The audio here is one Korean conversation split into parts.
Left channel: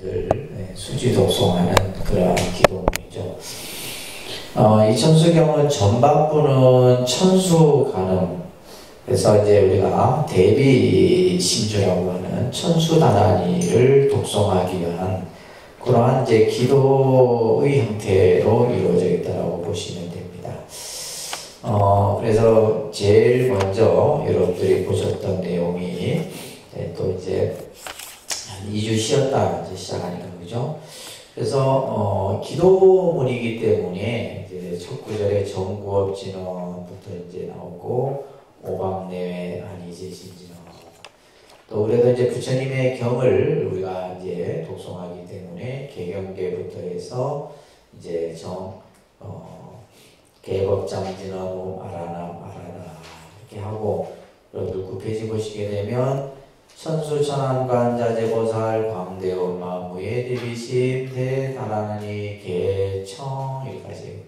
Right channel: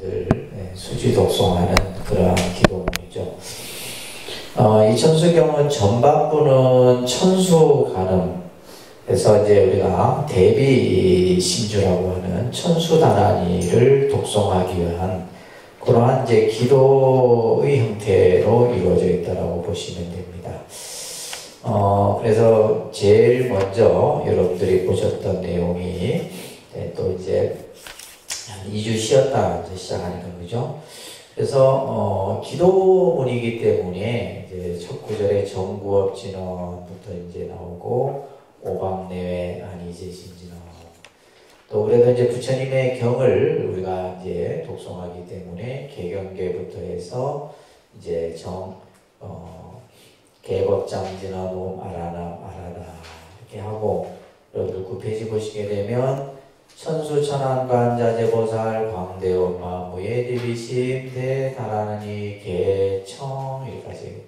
늘 수지 독송하는 그러한 기도문이죠. 이 천수경은 전반부는 천수 간음, 그래서 이제 우리가 대비 심주라고 하는 천수 다란이를 독송하기 위한 그러한 이제 기도의 형태로 이루어져 있다고 보시면 됩니다. 그래서 제일 먼저 여러분들이 보셨던 내용이 또 이제 한 2주 쉬었다 이제 시작하니까 그죠? 그래서 기도문이기 때문에 이제 첫 구절에 정구업진언부터 이제 나오고 오방내외 안이제신지 나오고 또 그래도 이제 부처님의 경을 우리가 이제 독송하기 때문에 개경계부터 해서 이제 개법장진언 아라나 이렇게 하고 여러분들 9페이지 보시게 되면 천수천안관자재보살 광대엄마무예 대비심 대다라니 개청 여기까지.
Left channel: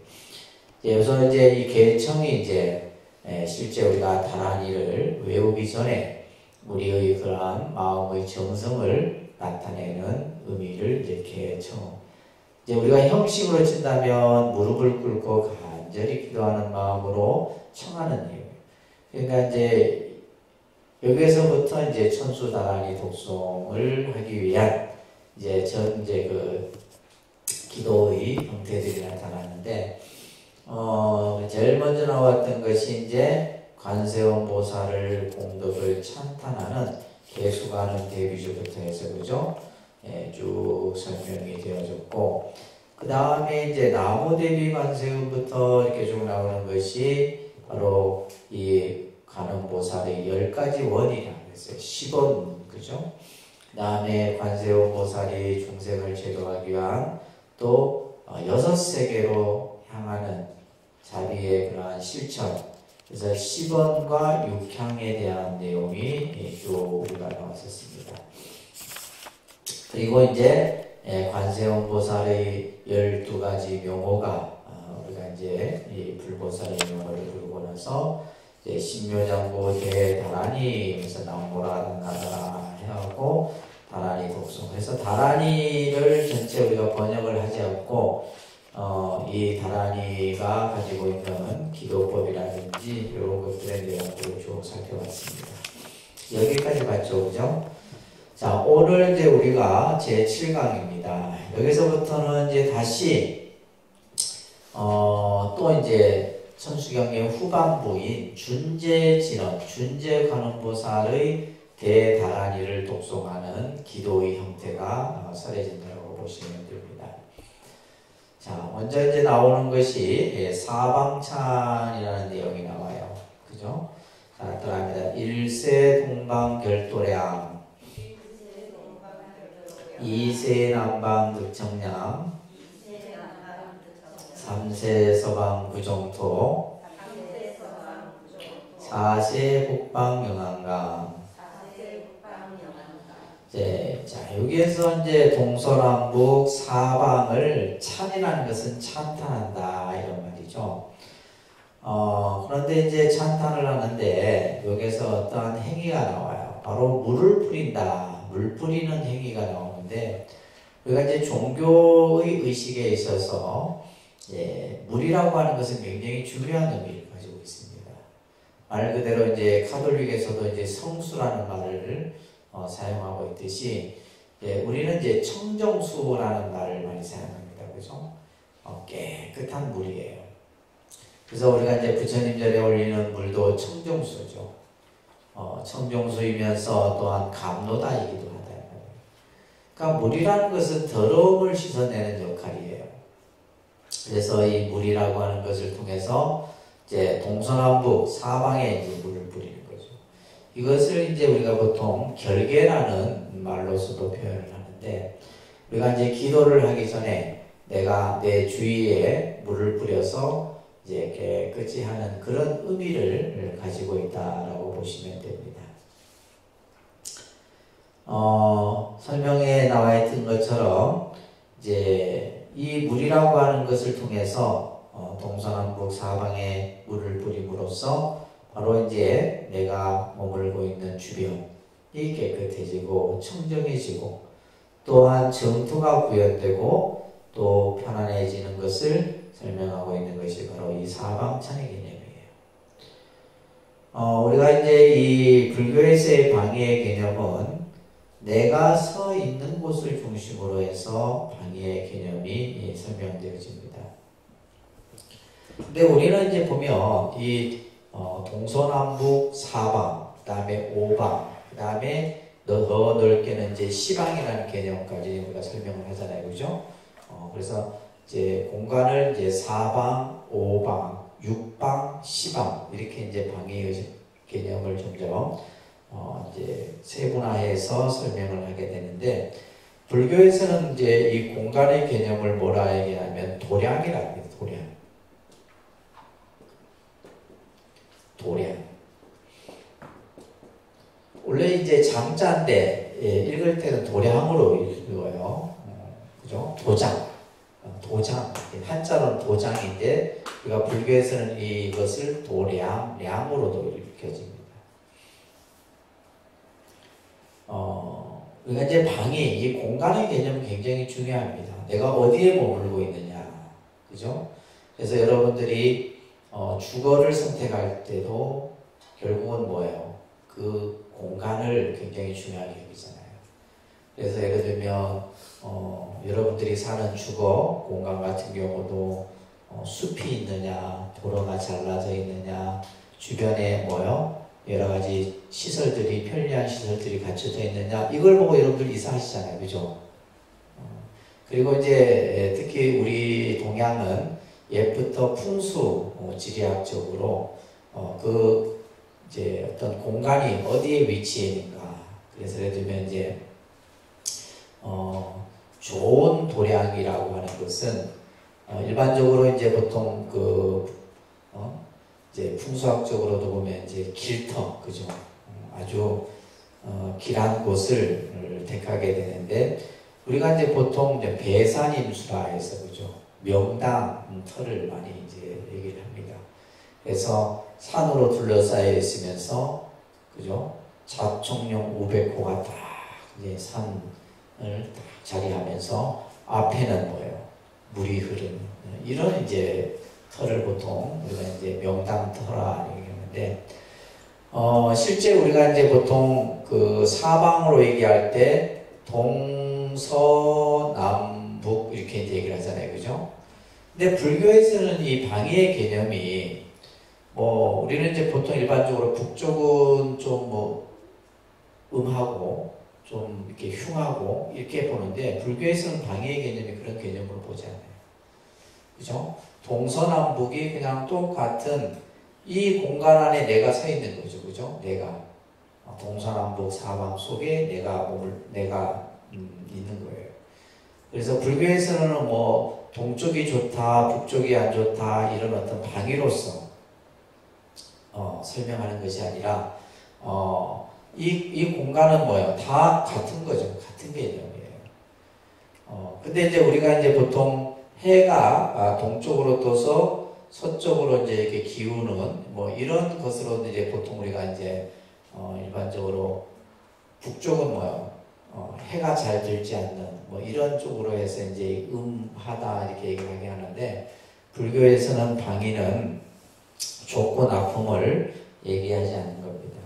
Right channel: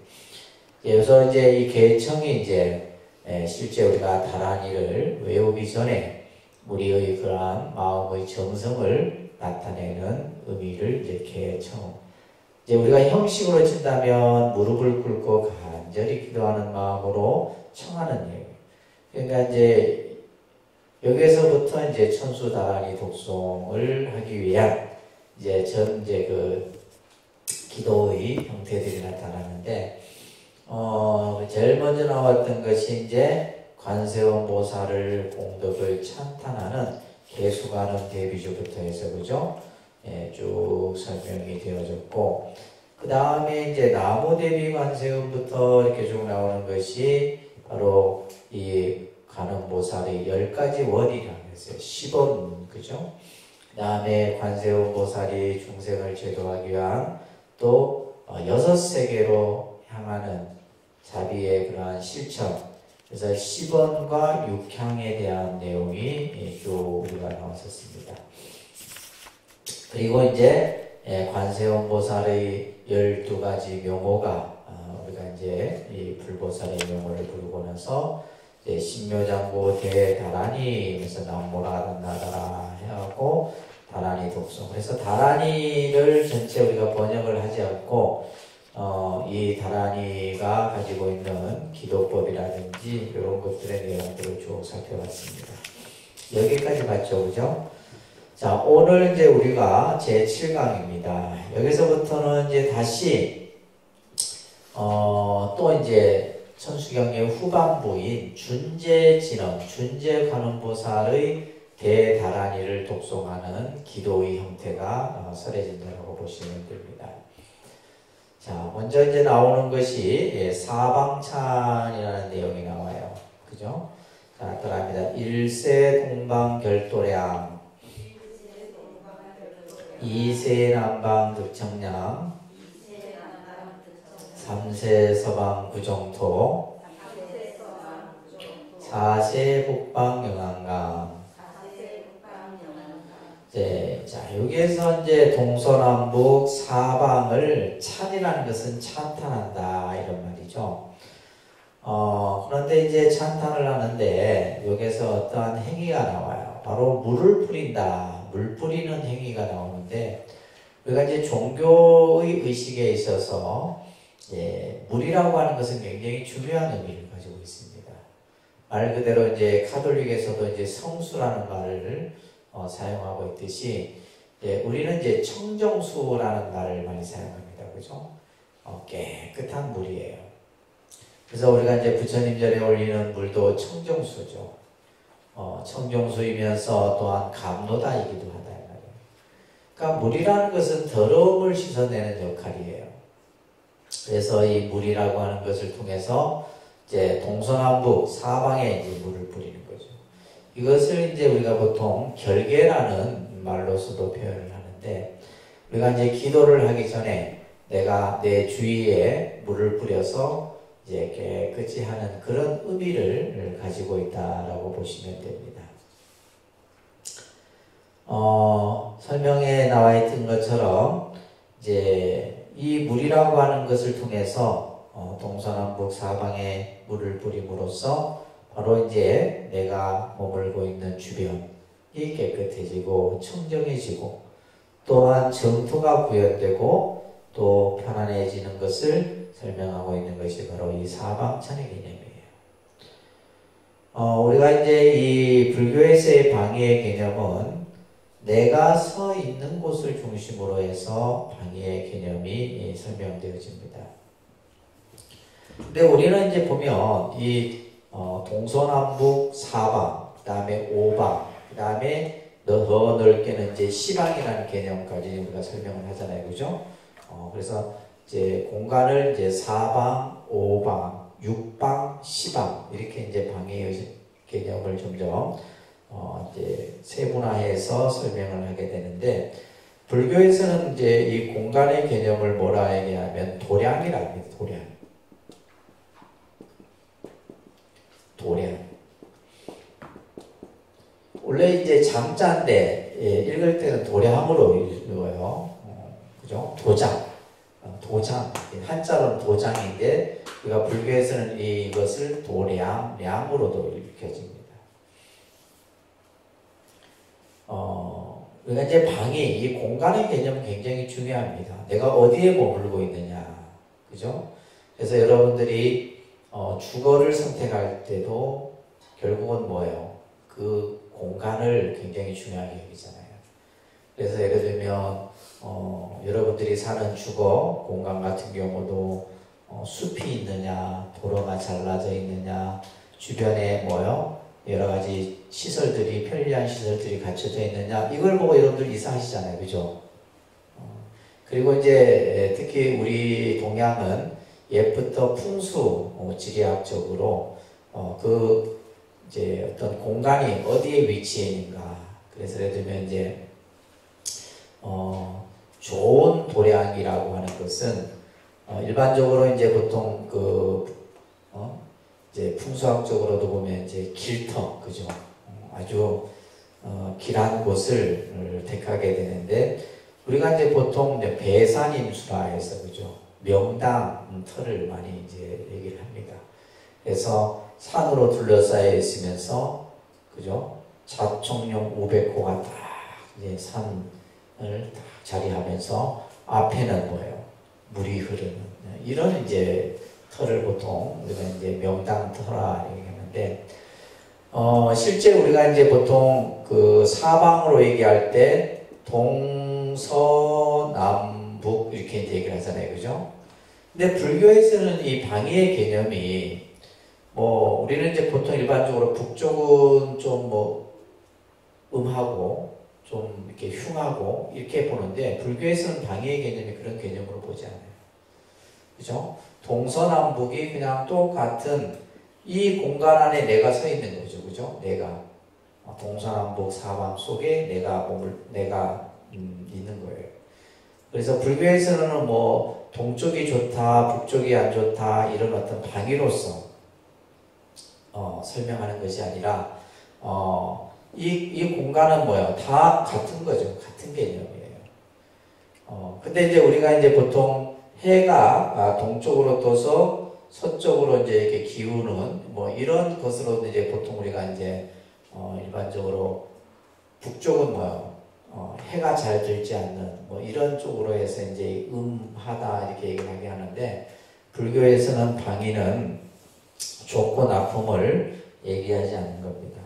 여기서 이제 이 개청이 이제 실제 우리가 다란이를 외우기 전에 우리의 그러한 마음의 정성을 나타내는 의미를 이제 개청. 이제 우리가 형식으로 친다면 무릎을 꿇고 간절히 기도하는 마음으로 청하는 예요. 그러니까 이제 여기에서부터 이제 천수다란이 독송을 하기 위한 이제 그 기도의 형태들이 나타나는데, 제일 먼저 나왔던 것이 이제 관세음 보살을 공덕을 찬탄하는 개수가는 대비주부터 해서 그죠? 쭉 설명이 되어졌고, 그 다음에 이제 나무 대비 관세음부터 이렇게 쭉 나오는 것이 바로 이 관음보살의 10가지 원이라고 했어요. 10원, 그죠? 그 다음에 관세음 보살이 중생을 제도하기 위한 또 6세계로 향하는 자비의 그러한 실천. 그래서 10원과 6향에 대한 내용이 쭉 우리가 나왔었습니다. 그리고 이제 관세음 보살의 12가지 명호가 우리가 이제 이 불보살의 명호를 부르고 나서 이제 신묘장보 대다란이에서 나오라 나다라 해하고 다란이 독송. 그래서 다란이를 전체 우리가 번역을 하지 않고 이 다란이가 가지고 있는 기도법이라든지 이런 것들의 내용들을 쭉 살펴봤습니다. 여기까지 봤죠, 그죠? 자, 오늘 이제 우리가 제 7강입니다. 여기서부터는 이제 다시 또 이제 천수경의 후반부인 준재진언, 준재관음보살의 대다란이를 독송하는 기도의 형태가 설해진다고 보시면 됩니다. 자, 먼저 이제 나오는 것이 사방찬이라는 내용이 나와요. 그죠? 자, 들어갑니다. 일세 동방결도량, 이세 남방득청량, 삼세 서방 구정토, 사세 북방 영안강. 자, 여기에서 이제 동서남북 사방을 찬이라는 것은 찬탄한다 이런 말이죠. 그런데 이제 찬탄을 하는데 여기서 어떠한 행위가 나와요. 바로 물을 뿌린다. 물 뿌리는 행위가 나오는데 우리가 이제 종교의 의식에 있어서 물이라고 하는 것은 굉장히 중요한 의미를 가지고 있습니다. 말 그대로 이제 카톨릭에서도 이제 성수라는 말을 사용하고 있듯이 우리는 이제 청정수라는 말을 많이 사용합니다. 그죠? 깨끗한 물이에요. 그래서 우리가 이제 부처님절에 올리는 물도 청정수죠. 청정수이면서 또한 감로다이기도 하다. 그러니까 물이라는 것은 더러움을 씻어내는 역할이에요. 그래서 이 물이라고 하는 것을 통해서 이제 동서남북 사방에 이제 물을 뿌리는 거죠. 이것을 이제 우리가 보통 결계라는 말로서도 표현을 하는데, 우리가 이제 기도를 하기 전에 내가 내 주위에 물을 뿌려서 이제 깨끗이 하는 그런 의미를 가지고 있다라고 보시면 됩니다. 설명에 나와 있던 것처럼 이제 이 물이라고 하는 것을 통해서 동서남북 사방에 물을 뿌림으로써 바로 이제 내가 머물고 있는 주변이 깨끗해지고 청정해지고 또한 정토가 구현되고 또 편안해지는 것을 설명하고 있는 것이 바로 이 사방천의 개념이에요. 우리가 이제 이 불교에서의 방위의 개념은 내가 서 있는 곳을 중심으로 해서 방위의 개념이 설명되어집니다. 근데 우리는 이제 보면 이 동서남북 사방, 그 다음에 오방, 그 다음에 더 넓게는 이제 시방이라는 개념까지 우리가 설명을 하잖아요, 그죠? 그래서 이제 공간을 이제 사방, 오방, 육방, 시방 이렇게 이제 방위의 개념을 점점 이제 세분화해서 설명을 하게 되는데, 불교에서는 이제 이 공간의 개념을 뭐라 얘기하면 도량이라고 합니다. 도량. 원래 이제 장자인데 읽을 때는 도량으로 읽어요. 그죠? 도장. 한자로는 도장인데 우리가 불교에서는 이것을 량으로도 읽혀집니다. 우리가 이제 방위, 이 공간의 개념은 굉장히 중요합니다. 내가 어디에 머물고 있느냐, 그죠? 그래서 여러분들이 주거를 선택할 때도 결국은 뭐예요? 그 공간을 굉장히 중요하게 여기잖아요. 그래서 예를 들면 여러분들이 사는 주거 공간 같은 경우도 숲이 있느냐, 도로가 잘라져 있느냐, 주변에 여러 가지 시설들이, 편리한 시설들이 갖춰져 있느냐, 이걸 보고 여러분들 이사하시잖아요, 그죠? 그리고 이제 특히 우리 동양은 옛부터 풍수 지리학적으로 이제 어떤 공간이 어디에 위치해 있는가. 그래서 예를 들면 이제 좋은 도량이라고 하는 것은 일반적으로 이제 보통 이제 풍수학적으로도 보면 이제 길터, 그죠? 아주 길한 곳을 택하게 되는데, 우리가 이제 보통 이제 배산임수라 해서, 그죠? 명당 터를 많이 이제 얘기를 합니다. 그래서 산으로 둘러싸여 있으면서, 그죠? 자총령 500호가 딱 이제 산을 딱 자리하면서 앞에는 물이 흐르는 이런 이제 터를 보통 우리가 이제 명당터라 얘기하는데, 실제 우리가 이제 보통 그 사방으로 얘기할 때 동서남북 이렇게 이제 얘기를 하잖아요, 그죠? 근데 불교에서는 이 방위의 개념이 우리는 이제 보통 일반적으로 북쪽은 좀 음하고 좀 이렇게 흉하고 이렇게 보는데, 불교에서는 방위의 개념이 그런 개념으로 보지 않아요. 그죠? 동서남북이 그냥 똑같은 이 공간 안에 내가 서 있는 거죠. 그죠? 내가. 동서남북 사방 속에 내가 있는 거예요. 그래서 불교에서는 동쪽이 좋다, 북쪽이 안 좋다, 이런 어떤 방위로서 설명하는 것이 아니라, 이 공간은 다 같은 거죠. 같은 개념이에요. 근데 이제 우리가 이제 보통 해가 동쪽으로 떠서 서쪽으로 이제 이렇게 기우는 이런 것으로 이제 보통 우리가 이제 일반적으로 북쪽은 해가 잘 들지 않는 이런 쪽으로 해서 이제 음하다 이렇게 얘기하게 하는데, 불교에서는 방위는 좋고 나쁨을 얘기하지 않는 겁니다.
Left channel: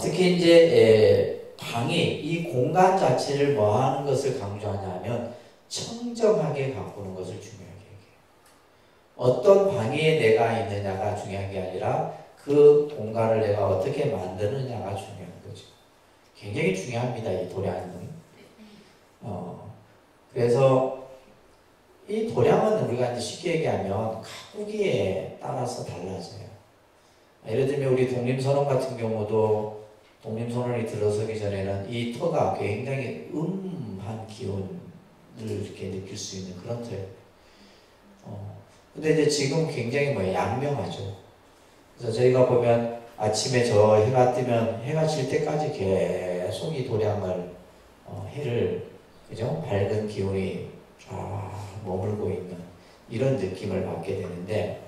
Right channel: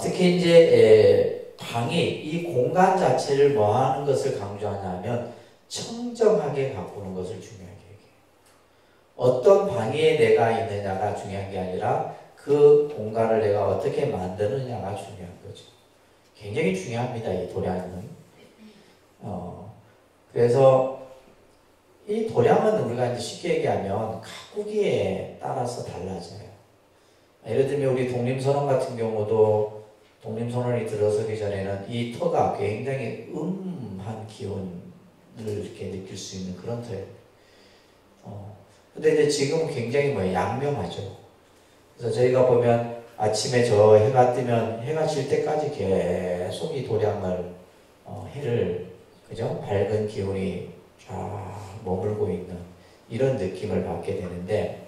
특히 이제 방위, 이 공간 자체를 뭐 하는 것을 강조하냐면 청정하게 가꾸는 것을 중요하게 얘기해요. 어떤 방위에 내가 있느냐가 중요한 게 아니라 그 공간을 내가 어떻게 만드느냐가 중요한 거죠. 굉장히 중요합니다, 이 도량은. 그래서 이 도량은 우리가 이제 쉽게 얘기하면 가꾸기에 따라서 달라져요. 예를 들면 우리 독림선언 같은 경우도 독림선언이 들어서기 전에는 이 터가 굉장히 음한 기운을 이렇게 느낄 수 있는 그런 터예요. 근데 이제 지금 굉장히 양명하죠. 그래서 저희가 보면 아침에 저 해가 뜨면 해가 질 때까지 계속 이 도량을 해를, 그죠? 밝은 기운이 쫙 머물고 있는 이런 느낌을 받게 되는데,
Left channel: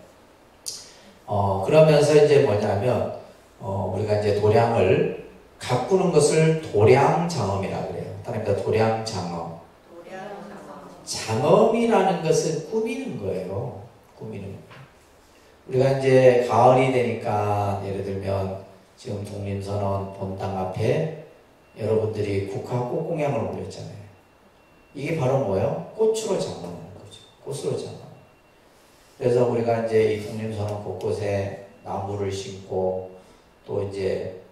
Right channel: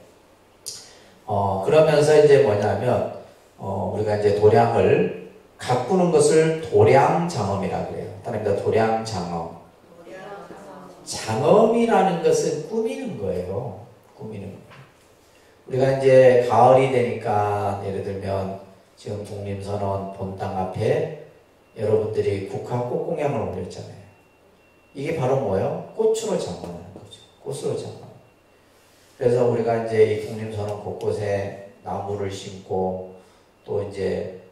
그러면서 이제 뭐냐면 우리가 이제 도량을 가꾸는 것을 도량장엄이라고 그래요. 따라합니다. 도량장엄. 장엄이라는 것은 꾸미는 거예요. 꾸미는 거예요. 우리가 이제 가을이 되니까 예를 들면 지금 독립선언 본당 앞에 여러분들이 국화 꽃공양을 올렸잖아요. 이게 바로 뭐예요? 꽃으로 장엄하는 거죠. 꽃으로 장엄. 그래서 우리가 이제 이 독립선언 곳곳에 나무를 심고 또 이제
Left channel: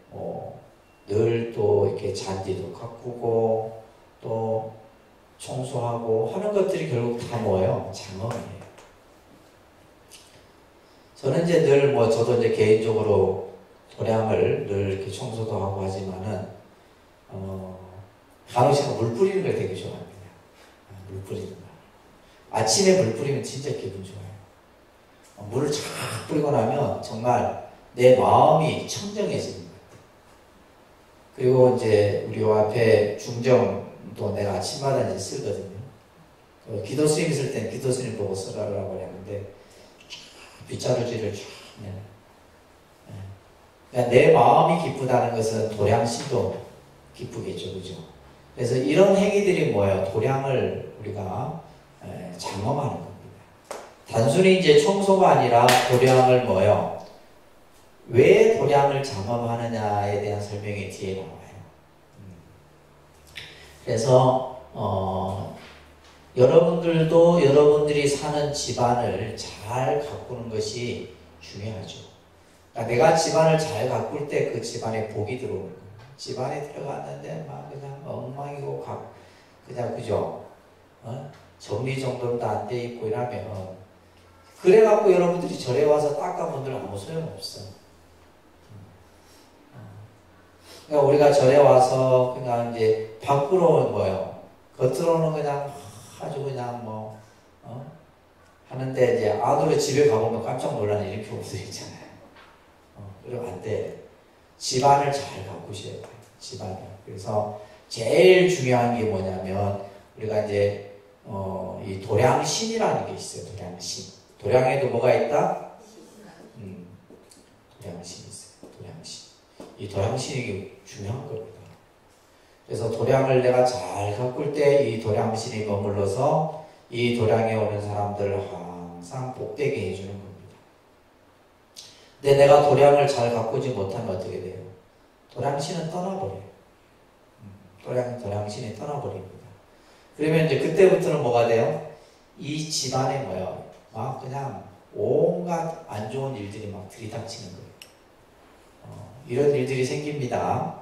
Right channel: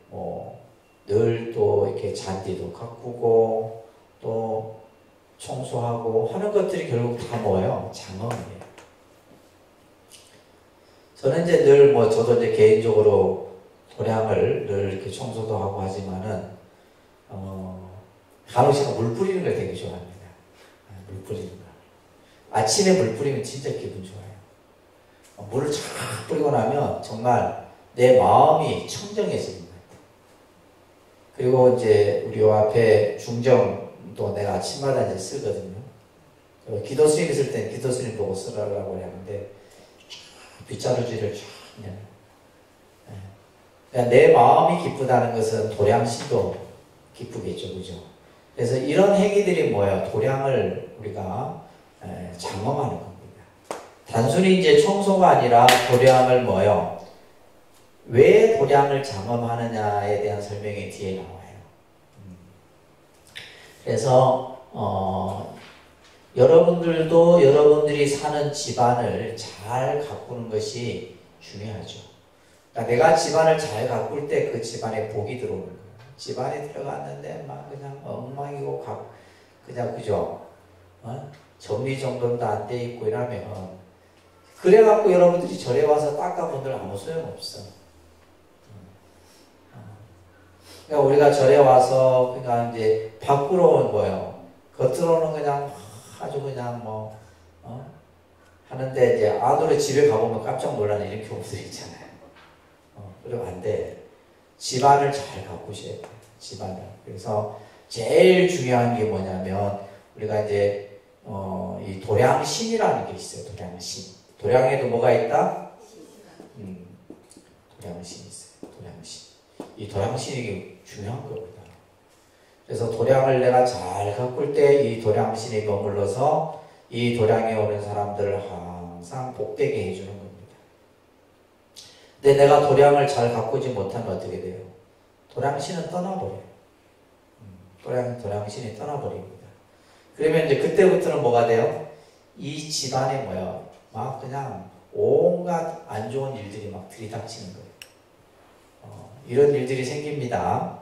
늘 또 이렇게 잔디도 가꾸고 또 청소하고 하는 것들이 결국 다 뭐예요? 장엄이에요. 저는 이제 늘 저도 이제 개인적으로 도량을 늘 이렇게 청소도 하고 하지만은 간혹 물 뿌리는 걸 되게 좋아합니다. 물 뿌리는 거. 아침에 물 뿌리면 진짜 기분 좋아요. 물을 쫙 뿌리고 나면 정말 내 마음이 청정해지는 거예요. 그리고 이제 우리 요 앞에 중정도 내가 아침마다 이제 쓰거든요. 기도 스님 쓸 때는 기도 스님 보고 쓰라고 하는데 빗자루질을 쫙 그냥 내 마음이 기쁘다는 것은 도량신도 기쁘겠죠, 그죠? 그래서 이런 행위들이 뭐예요? 도량을 우리가 장엄하는 겁니다. 단순히 이제 청소가 아니라 도량을 뭐예요? 왜 도량을 장엄하느냐에 대한 설명이 뒤에 나와요. 그래서 여러분들도 여러분들이 사는 집안을 잘 가꾸는 것이 중요하죠. 그러니까 내가 집안을 잘 가꿀 때 그 집안에 복이 들어오는 거예요. 집안에 들어갔는데 막 그냥 엉망이고 그냥 그죠? 정리정돈도 안 돼 있고 이러면 그래갖고 여러분들이 절에 와서 닦아본들 아무 소용없어. 그러니까 우리가 절에 와서 그냥 이제 밖으로는 뭐예요? 겉으로는 그냥 아주 그냥 하는데 이제 아들의 집에 가보면 깜짝 놀라는 이런 경우도 있잖아요. 그러면 안 돼. 집안을 잘 가꾸셔야 돼요. 집안을. 그래서 제일 중요한 게 뭐냐면 우리가 이제 이 도량신이라는 게 있어요. 도량신. 도량에도 뭐가 있다? 도량신이 있어요. 도량신. 이 도량신이 중요한 겁니다. 그래서 도량을 내가 잘 가꿀 때 이 도량신이 머물러서 이 도량에 오는 사람들을 항상 복되게 해주는 겁니다. 근데 내가 도량을 잘 가꾸지 못하면 어떻게 돼요? 도량신은 떠나버려요. 도량신이 떠나버립니다. 그러면 이제 그때부터는 뭐가 돼요? 이 집안에 뭐예요? 막 그냥 온갖 안 좋은 일들이 막 들이닥치는 거예요. 이런 일들이 생깁니다.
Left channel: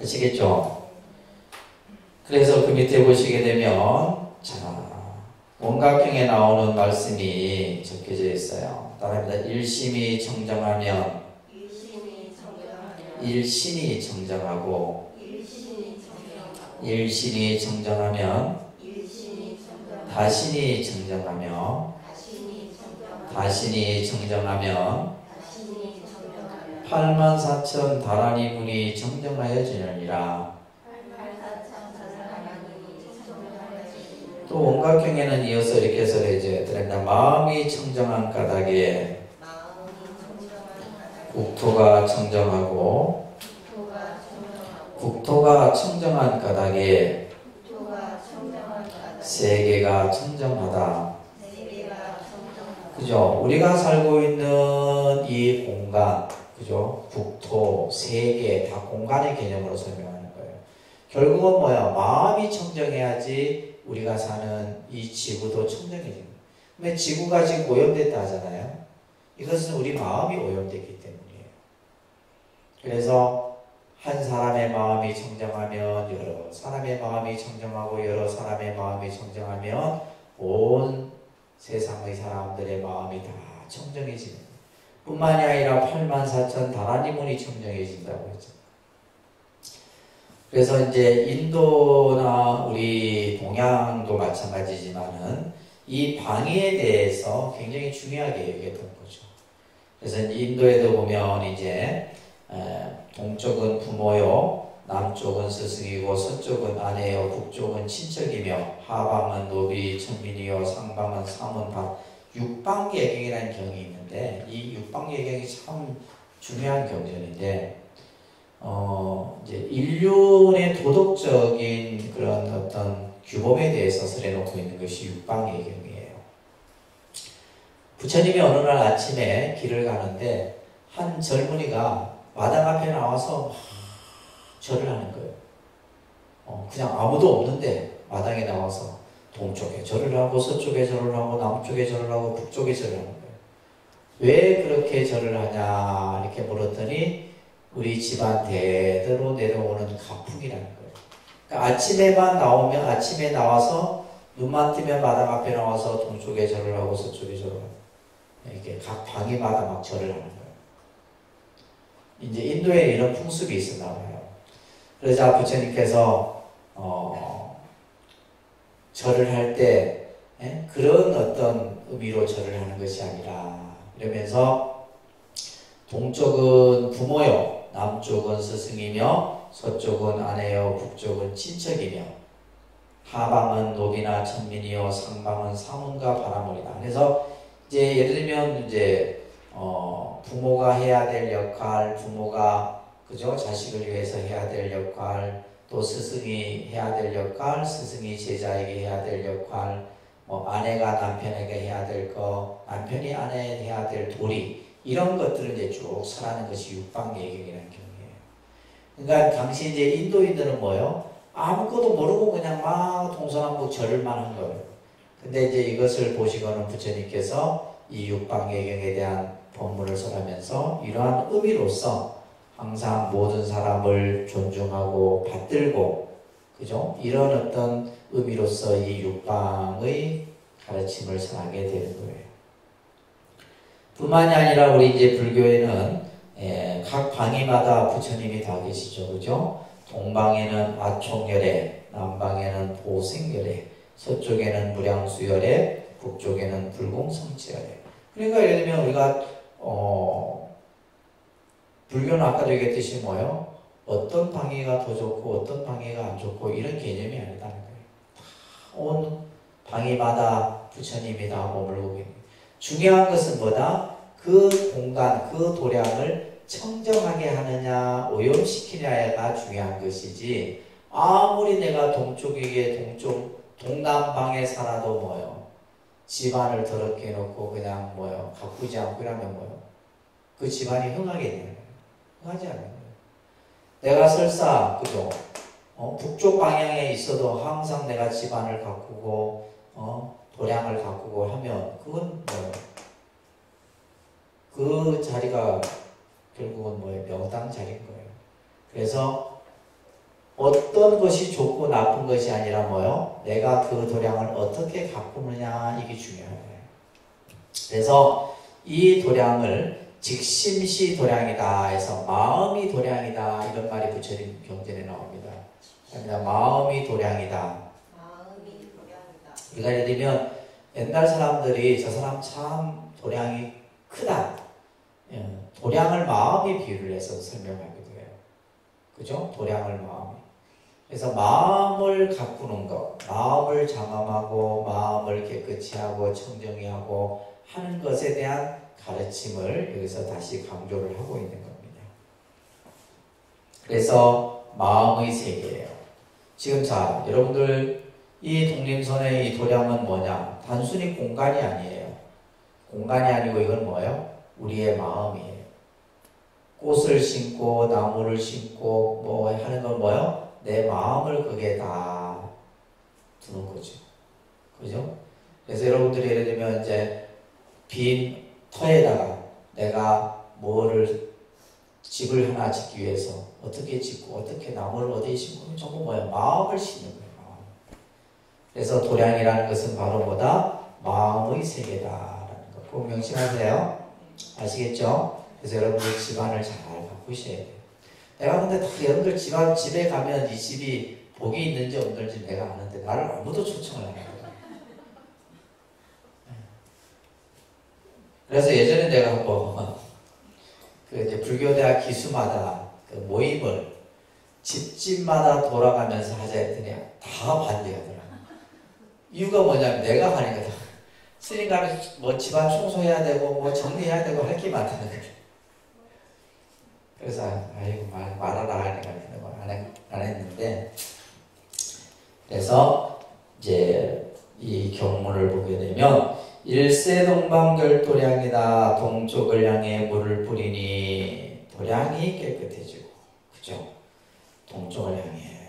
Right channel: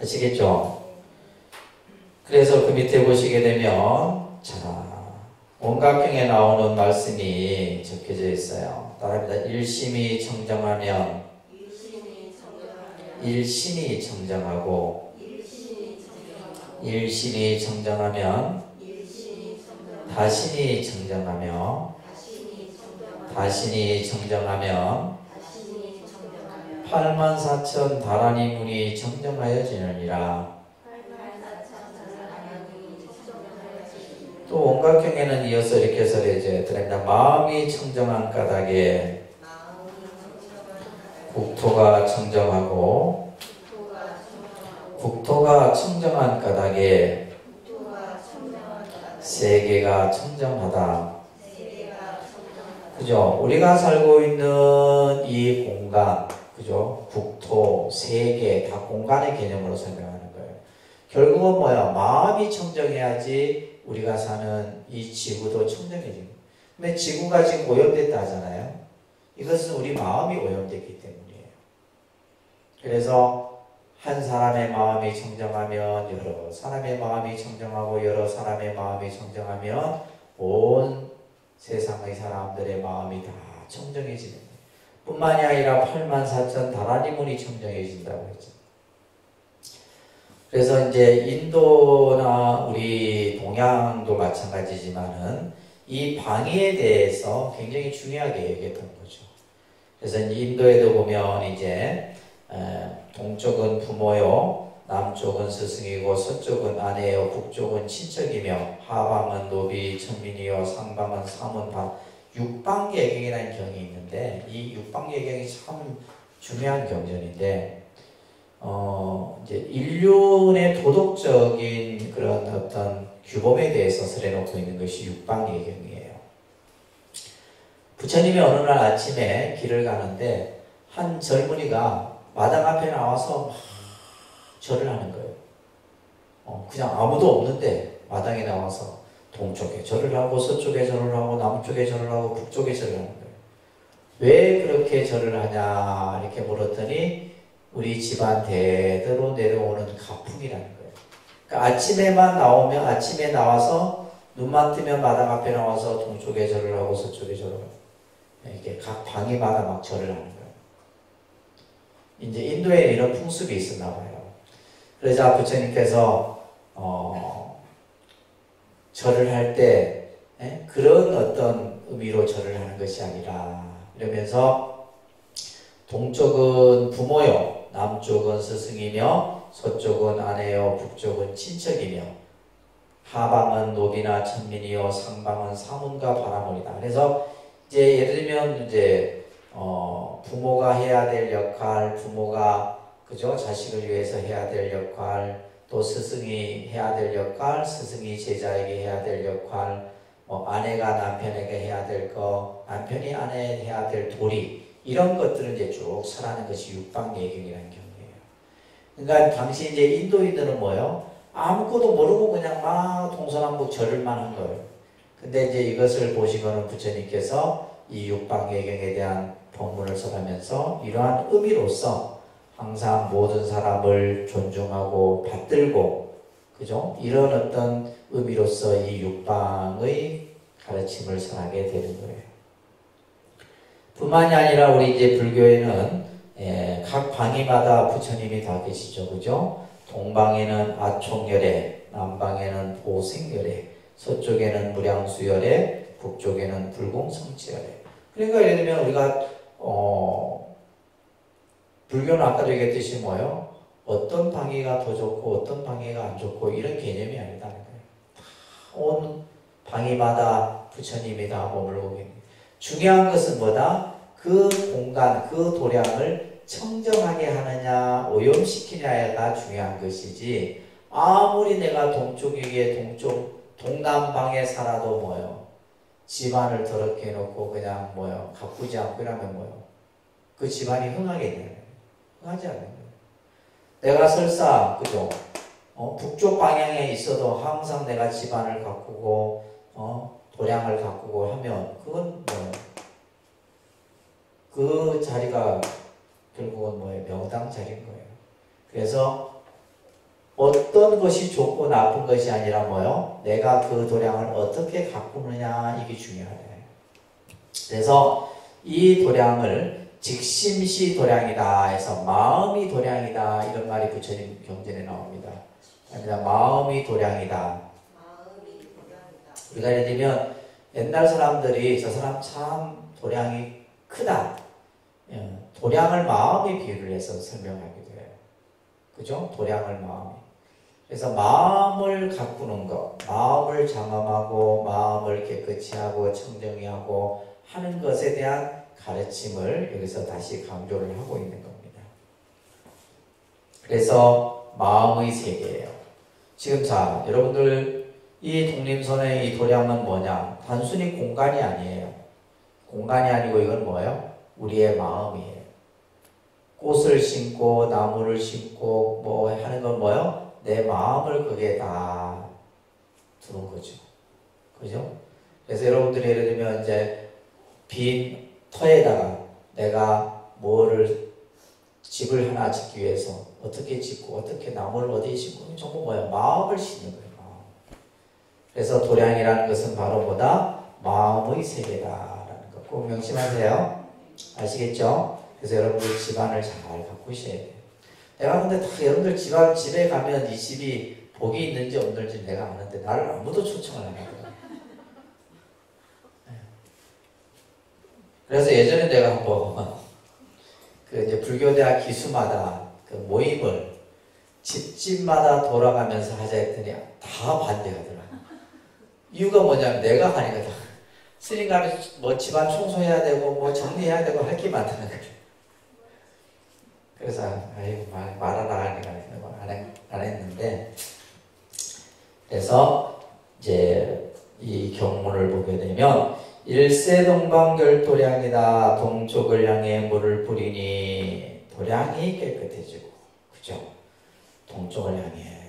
아시겠죠? 그래서 그 밑에 보시게 되면 온각경에 나오는 말씀이 적혀져 있어요. 따라합니다. 일심이 청정하면 일신이 청정하고 일신이 청정하면 다신이 청정하며 다신이 청정하면 84,000 다라니 문이 청정하여지느니라. 또 온각경에는 이어서 이렇게 설해져 드립니다. 마음이 청정한 까닭에 국토가 청정하고 국토가 청정한 까닭에 세계가 청정하다. 그죠? 우리가 살고 있는 이 공간, 그죠? 국토, 세계 다 공간의 개념으로 설명하는 거예요. 결국은 뭐야? 마음이 청정해야지 우리가 사는 이 지구도 청정해지는 거예요. 근데 지구가 지금 오염됐다 하잖아요. 이것은 우리 마음이 오염됐기 때문이에요. 그래서 한 사람의 마음이 청정하면 여러 사람의 마음이 청정하고 여러 사람의 마음이 청정하면 온 세상의 사람들의 마음이 다 청정해지는 거예요. 뿐만이 아니라 84,000 다라니 문이 청정해진다고 했죠. 그래서 이제 인도나 우리 동양도 마찬가지지만은 이 방위에 대해서 굉장히 중요하게 여겼던 거죠. 그래서 인도에도 보면 이제 동쪽은 부모요, 남쪽은 스승이고 서쪽은 아내요, 북쪽은 친척이며 하방은 노비, 천민이요, 상방은 사문, 육방예경이라는 경이 있는데 이 육방예경이 참 중요한 경전인데 이제 인륜의 도덕적인 그런 어떤 규범에 대해서 설해놓고 있는 것이 육방예경이에요. 부처님이 어느 날 아침에 길을 가는데 한 젊은이가 마당 앞에 나와서 막 절을 하는 거예요. 그냥 아무도 없는데 마당에 나와서 동쪽에 절을 하고 서쪽에 절을 하고 남쪽에 절을 하고 북쪽에 절을 하는 거예요. 왜 그렇게 절을 하냐 이렇게 물었더니 우리 집안 대대로 내려오는 가풍이라는 거예요. 그러니까 아침에만 나오면 아침에 나와서 눈만 뜨면 마당 앞에 나와서 동쪽에 절을 하고 서쪽에 절을 하고 이렇게 각 방위마다 막 절을 하는 거예요. 이제 인도에 이런 풍습이 있었나 봐요. 그러자 부처님께서 절을 할 때 그런 어떤 의미로 절을 하는 것이 아니라 이러면서 동쪽은 부모요, 남쪽은 스승이며 서쪽은 아내요, 북쪽은 친척이며 하방은 노비나 천민이요, 상방은 사문과 바라물이다. 그래서 이제 예를 들면 이제 부모가 해야 될 역할, 부모가 그죠 자식을 위해서 해야 될 역할, 또 스승이 해야 될 역할, 스승이 제자에게 해야 될 역할, 뭐 아내가 남편에게 해야 될 거, 남편이 아내에게 해야 될 도리 이런 것들을 이제 쭉 설하는 것이 육방예경이라는 경우예요. 그러니까 당시 이제 인도인들은 뭐요? 아무것도 모르고 그냥 막 동서남북 절을만 한 거예요. 근데 이제 이것을 보시고는 부처님께서 이 육방예경에 대한 법문을 설하면서 이러한 의미로서 항상 모든 사람을 존중하고 받들고 그죠? 이런 어떤 의미로서 이 육방의 가르침을 전하게 되는 거예요. 뿐만이 아니라 우리 이제 불교에는 각 방위마다 부처님이 다 계시죠, 그죠? 동방에는 아총열애, 남방에는 보생열애, 서쪽에는 무량수열애, 북쪽에는 불공성치열애. 그러니까 예를 들면 우리가 불교는 아까도 얘기했듯이 뭐예요? 어떤 방위가 더 좋고 어떤 방위가 안 좋고 이런 개념이 아니다는 거예요. 온 방위마다 부처님이 다 머물고 계십니다. 중요한 것은 뭐다? 그 공간, 그 도량을 청정하게 하느냐 오염시키냐가 중요한 것이지 아무리 내가 동쪽에게 동남방에 살아도 뭐예요? 집안을 더럽게 해놓고 그냥 뭐예요? 가꾸지 않고 이러면 뭐예요? 그 집안이 흥하겠냐고요. 흥하지 않는 거예요. 내가 설사 그죠? 북쪽 방향에 있어도 항상 내가 집안을 가꾸고 도량을 가꾸고 하면 그건 뭐예요? 그 자리가 결국은 뭐예요? 명당 자리인 거예요. 그래서 어떤 것이 좋고 나쁜 것이 아니라 뭐예요? 내가 그 도량을 어떻게 가꾸느냐 이게 중요한 거예요. 그래서 이 도량을 직심시 도량이다 해서 마음이 도량이다 이런 말이 부처님 경전에 나옵니다. 마음이 도량이다. 우리가 예를 들면 옛날 사람들이 저 사람 참 도량이 크다. 도량을 마음에 비유를 해서 설명하기도 해요. 그죠? 도량을 마음에. 그래서 마음을 가꾸는 것, 마음을 장엄하고 마음을 깨끗이 하고 청정히 하고 하는 것에 대한 가르침을 여기서 다시 강조를 하고 있는 겁니다. 그래서 마음의 세계예요. 지금 자, 여러분들 이 독림선의 이 도량은 뭐냐? 단순히 공간이 아니에요. 공간이 아니고 이건 뭐예요? 우리의 마음이에요. 꽃을 심고 나무를 심고 뭐 하는 건 뭐예요? 내 마음을 거기에 다 두는 거죠. 그죠? 그래서 여러분들이 예를 들면 이제 빈 터에다가 내가 뭐를 집을 하나 짓기 위해서 어떻게 짓고 어떻게 나무를 어디에 심고 전부 뭐야? 마음을 심는 거예요. 마음. 그래서 도량이라는 것은 바로 뭐다? 마음의 세계다라는 거 꼭 명심하세요. 아시겠죠? 그래서 여러분들 집안을 잘 가꾸셔야 돼요. 내가 근데 다 여러분들 집에 가면 이 집이 복이 있는지 없는지 내가 아는데 나를 아무도 초청을 안 해요. 그래서 예전에 내가 한번 그 이제 불교대학 기수마다 그 모임을 집집마다 돌아가면서 하자 했더니 다 반대하더라. 이유가 뭐냐면 내가 하니까 다 스님 가면 뭐 집안 청소해야 되고 뭐 정리해야 되고 할 게 많다는 거예요. 그래서 아이고 말하라 하니까 안 했는데, 그래서 이제 이 경문을 보게 되면 일세동방결도량이다. 동쪽을 향해 물을 뿌리니 도량이 깨끗해지고, 그죠? 동쪽을 향해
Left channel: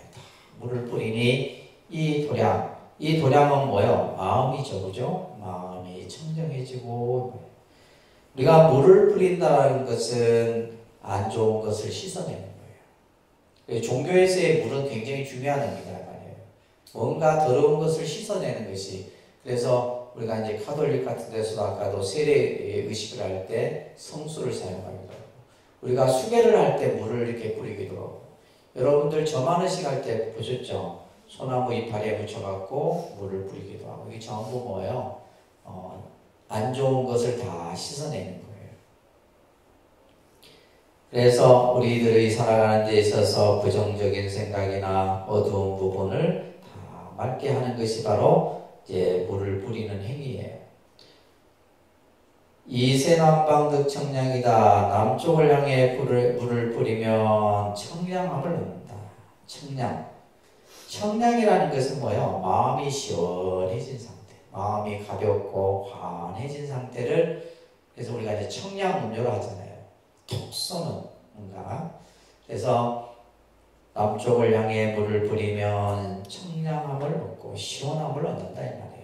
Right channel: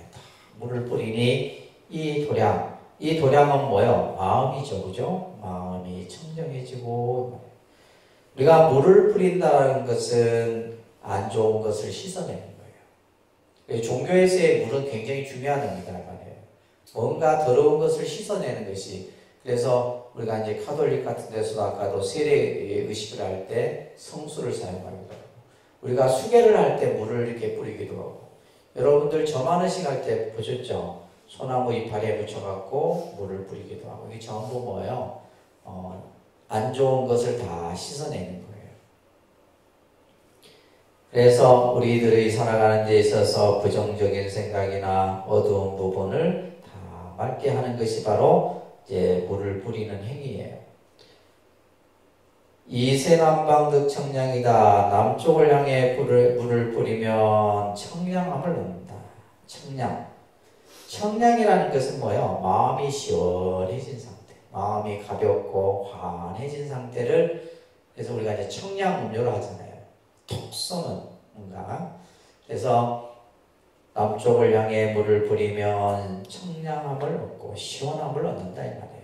물을 뿌리니 이 도량은 뭐예요? 마음이죠, 그죠? 마음이 청정해지고, 우리가 물을 뿌린다는 것은 안 좋은 것을 씻어내는 거예요. 종교에서의 물은 굉장히 중요한 의미가 말이에요. 뭔가 더러운 것을 씻어내는 것이. 그래서 우리가 이제 카톨릭 같은 데서도 아까도 세례 의식을 할 때 성수를 사용하기도 하고, 우리가 수계를 할 때 물을 이렇게 뿌리기도 하고, 여러분들 점안의식 할 때 보셨죠? 소나무 이파리에 붙여갖고 물을 뿌리기도 하고, 이게 전부 뭐예요? 안 좋은 것을 다 씻어내는 거예요. 그래서 우리들이 살아가는 데 있어서 부정적인 생각이나 어두운 부분을 다 맑게 하는 것이 바로 이제 물을 뿌리는 행위예요. 이세남방득 청량이다. 남쪽을 향해 물을 뿌리면 청량함을 얻는다. 청량이라는 것은 뭐예요? 마음이 시원해진 상태, 마음이 가볍고 환해진 상태를, 그래서 우리가 이제 청량 음료로 하잖아요. 톡 쏘는 뭔가. 그래서 남쪽을 향해 물을 뿌리면 청량함을 얻고 시원함을 얻는다 이 말이에요.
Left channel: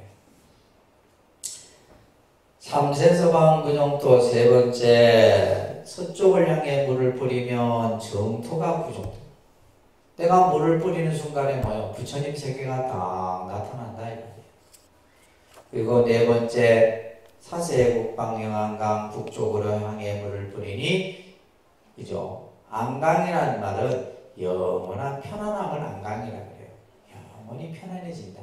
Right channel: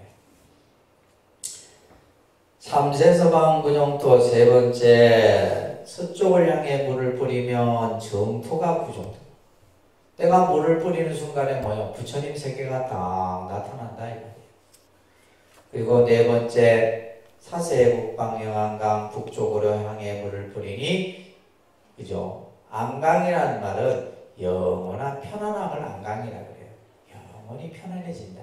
삼세서방 구정토. 세 번째, 서쪽을 향해 물을 뿌리면 정토가 구정토. 내가 물을 뿌리는 순간에 뭐예요? 부처님 세계가 딱 나타난다 이 말이에요. 그리고 네 번째, 사세국방영안강. 북쪽으로 향해 물을 뿌리니, 그죠? 안강이라는 말은 영원한 편안함을 안강이라고 그래요. 영원히 편안해진다.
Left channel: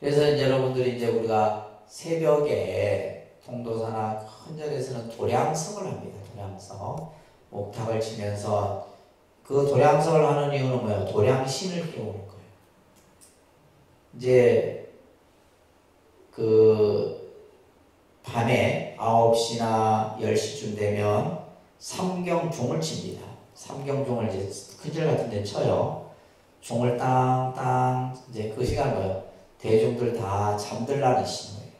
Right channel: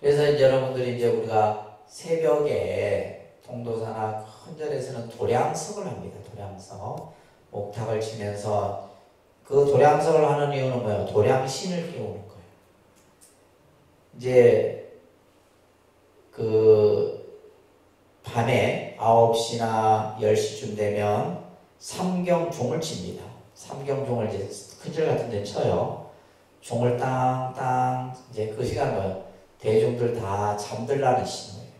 그래서 이제 여러분들이 이제 우리가 새벽에 통도사나 큰 절에서는 도량성을 합니다. 도량성. 옥탑을 치면서 그 도량성을 하는 이유는 뭐예요? 도량신을 깨우는 거예요. 이제 그 밤에 9시나 10시쯤 되면 삼경종을 칩니다. 삼경종을 이제 큰절 같은 데 쳐요. 종을 땅땅. 이제 그 시간 뭐예요? 대중들 다 잠들라는 신호예요.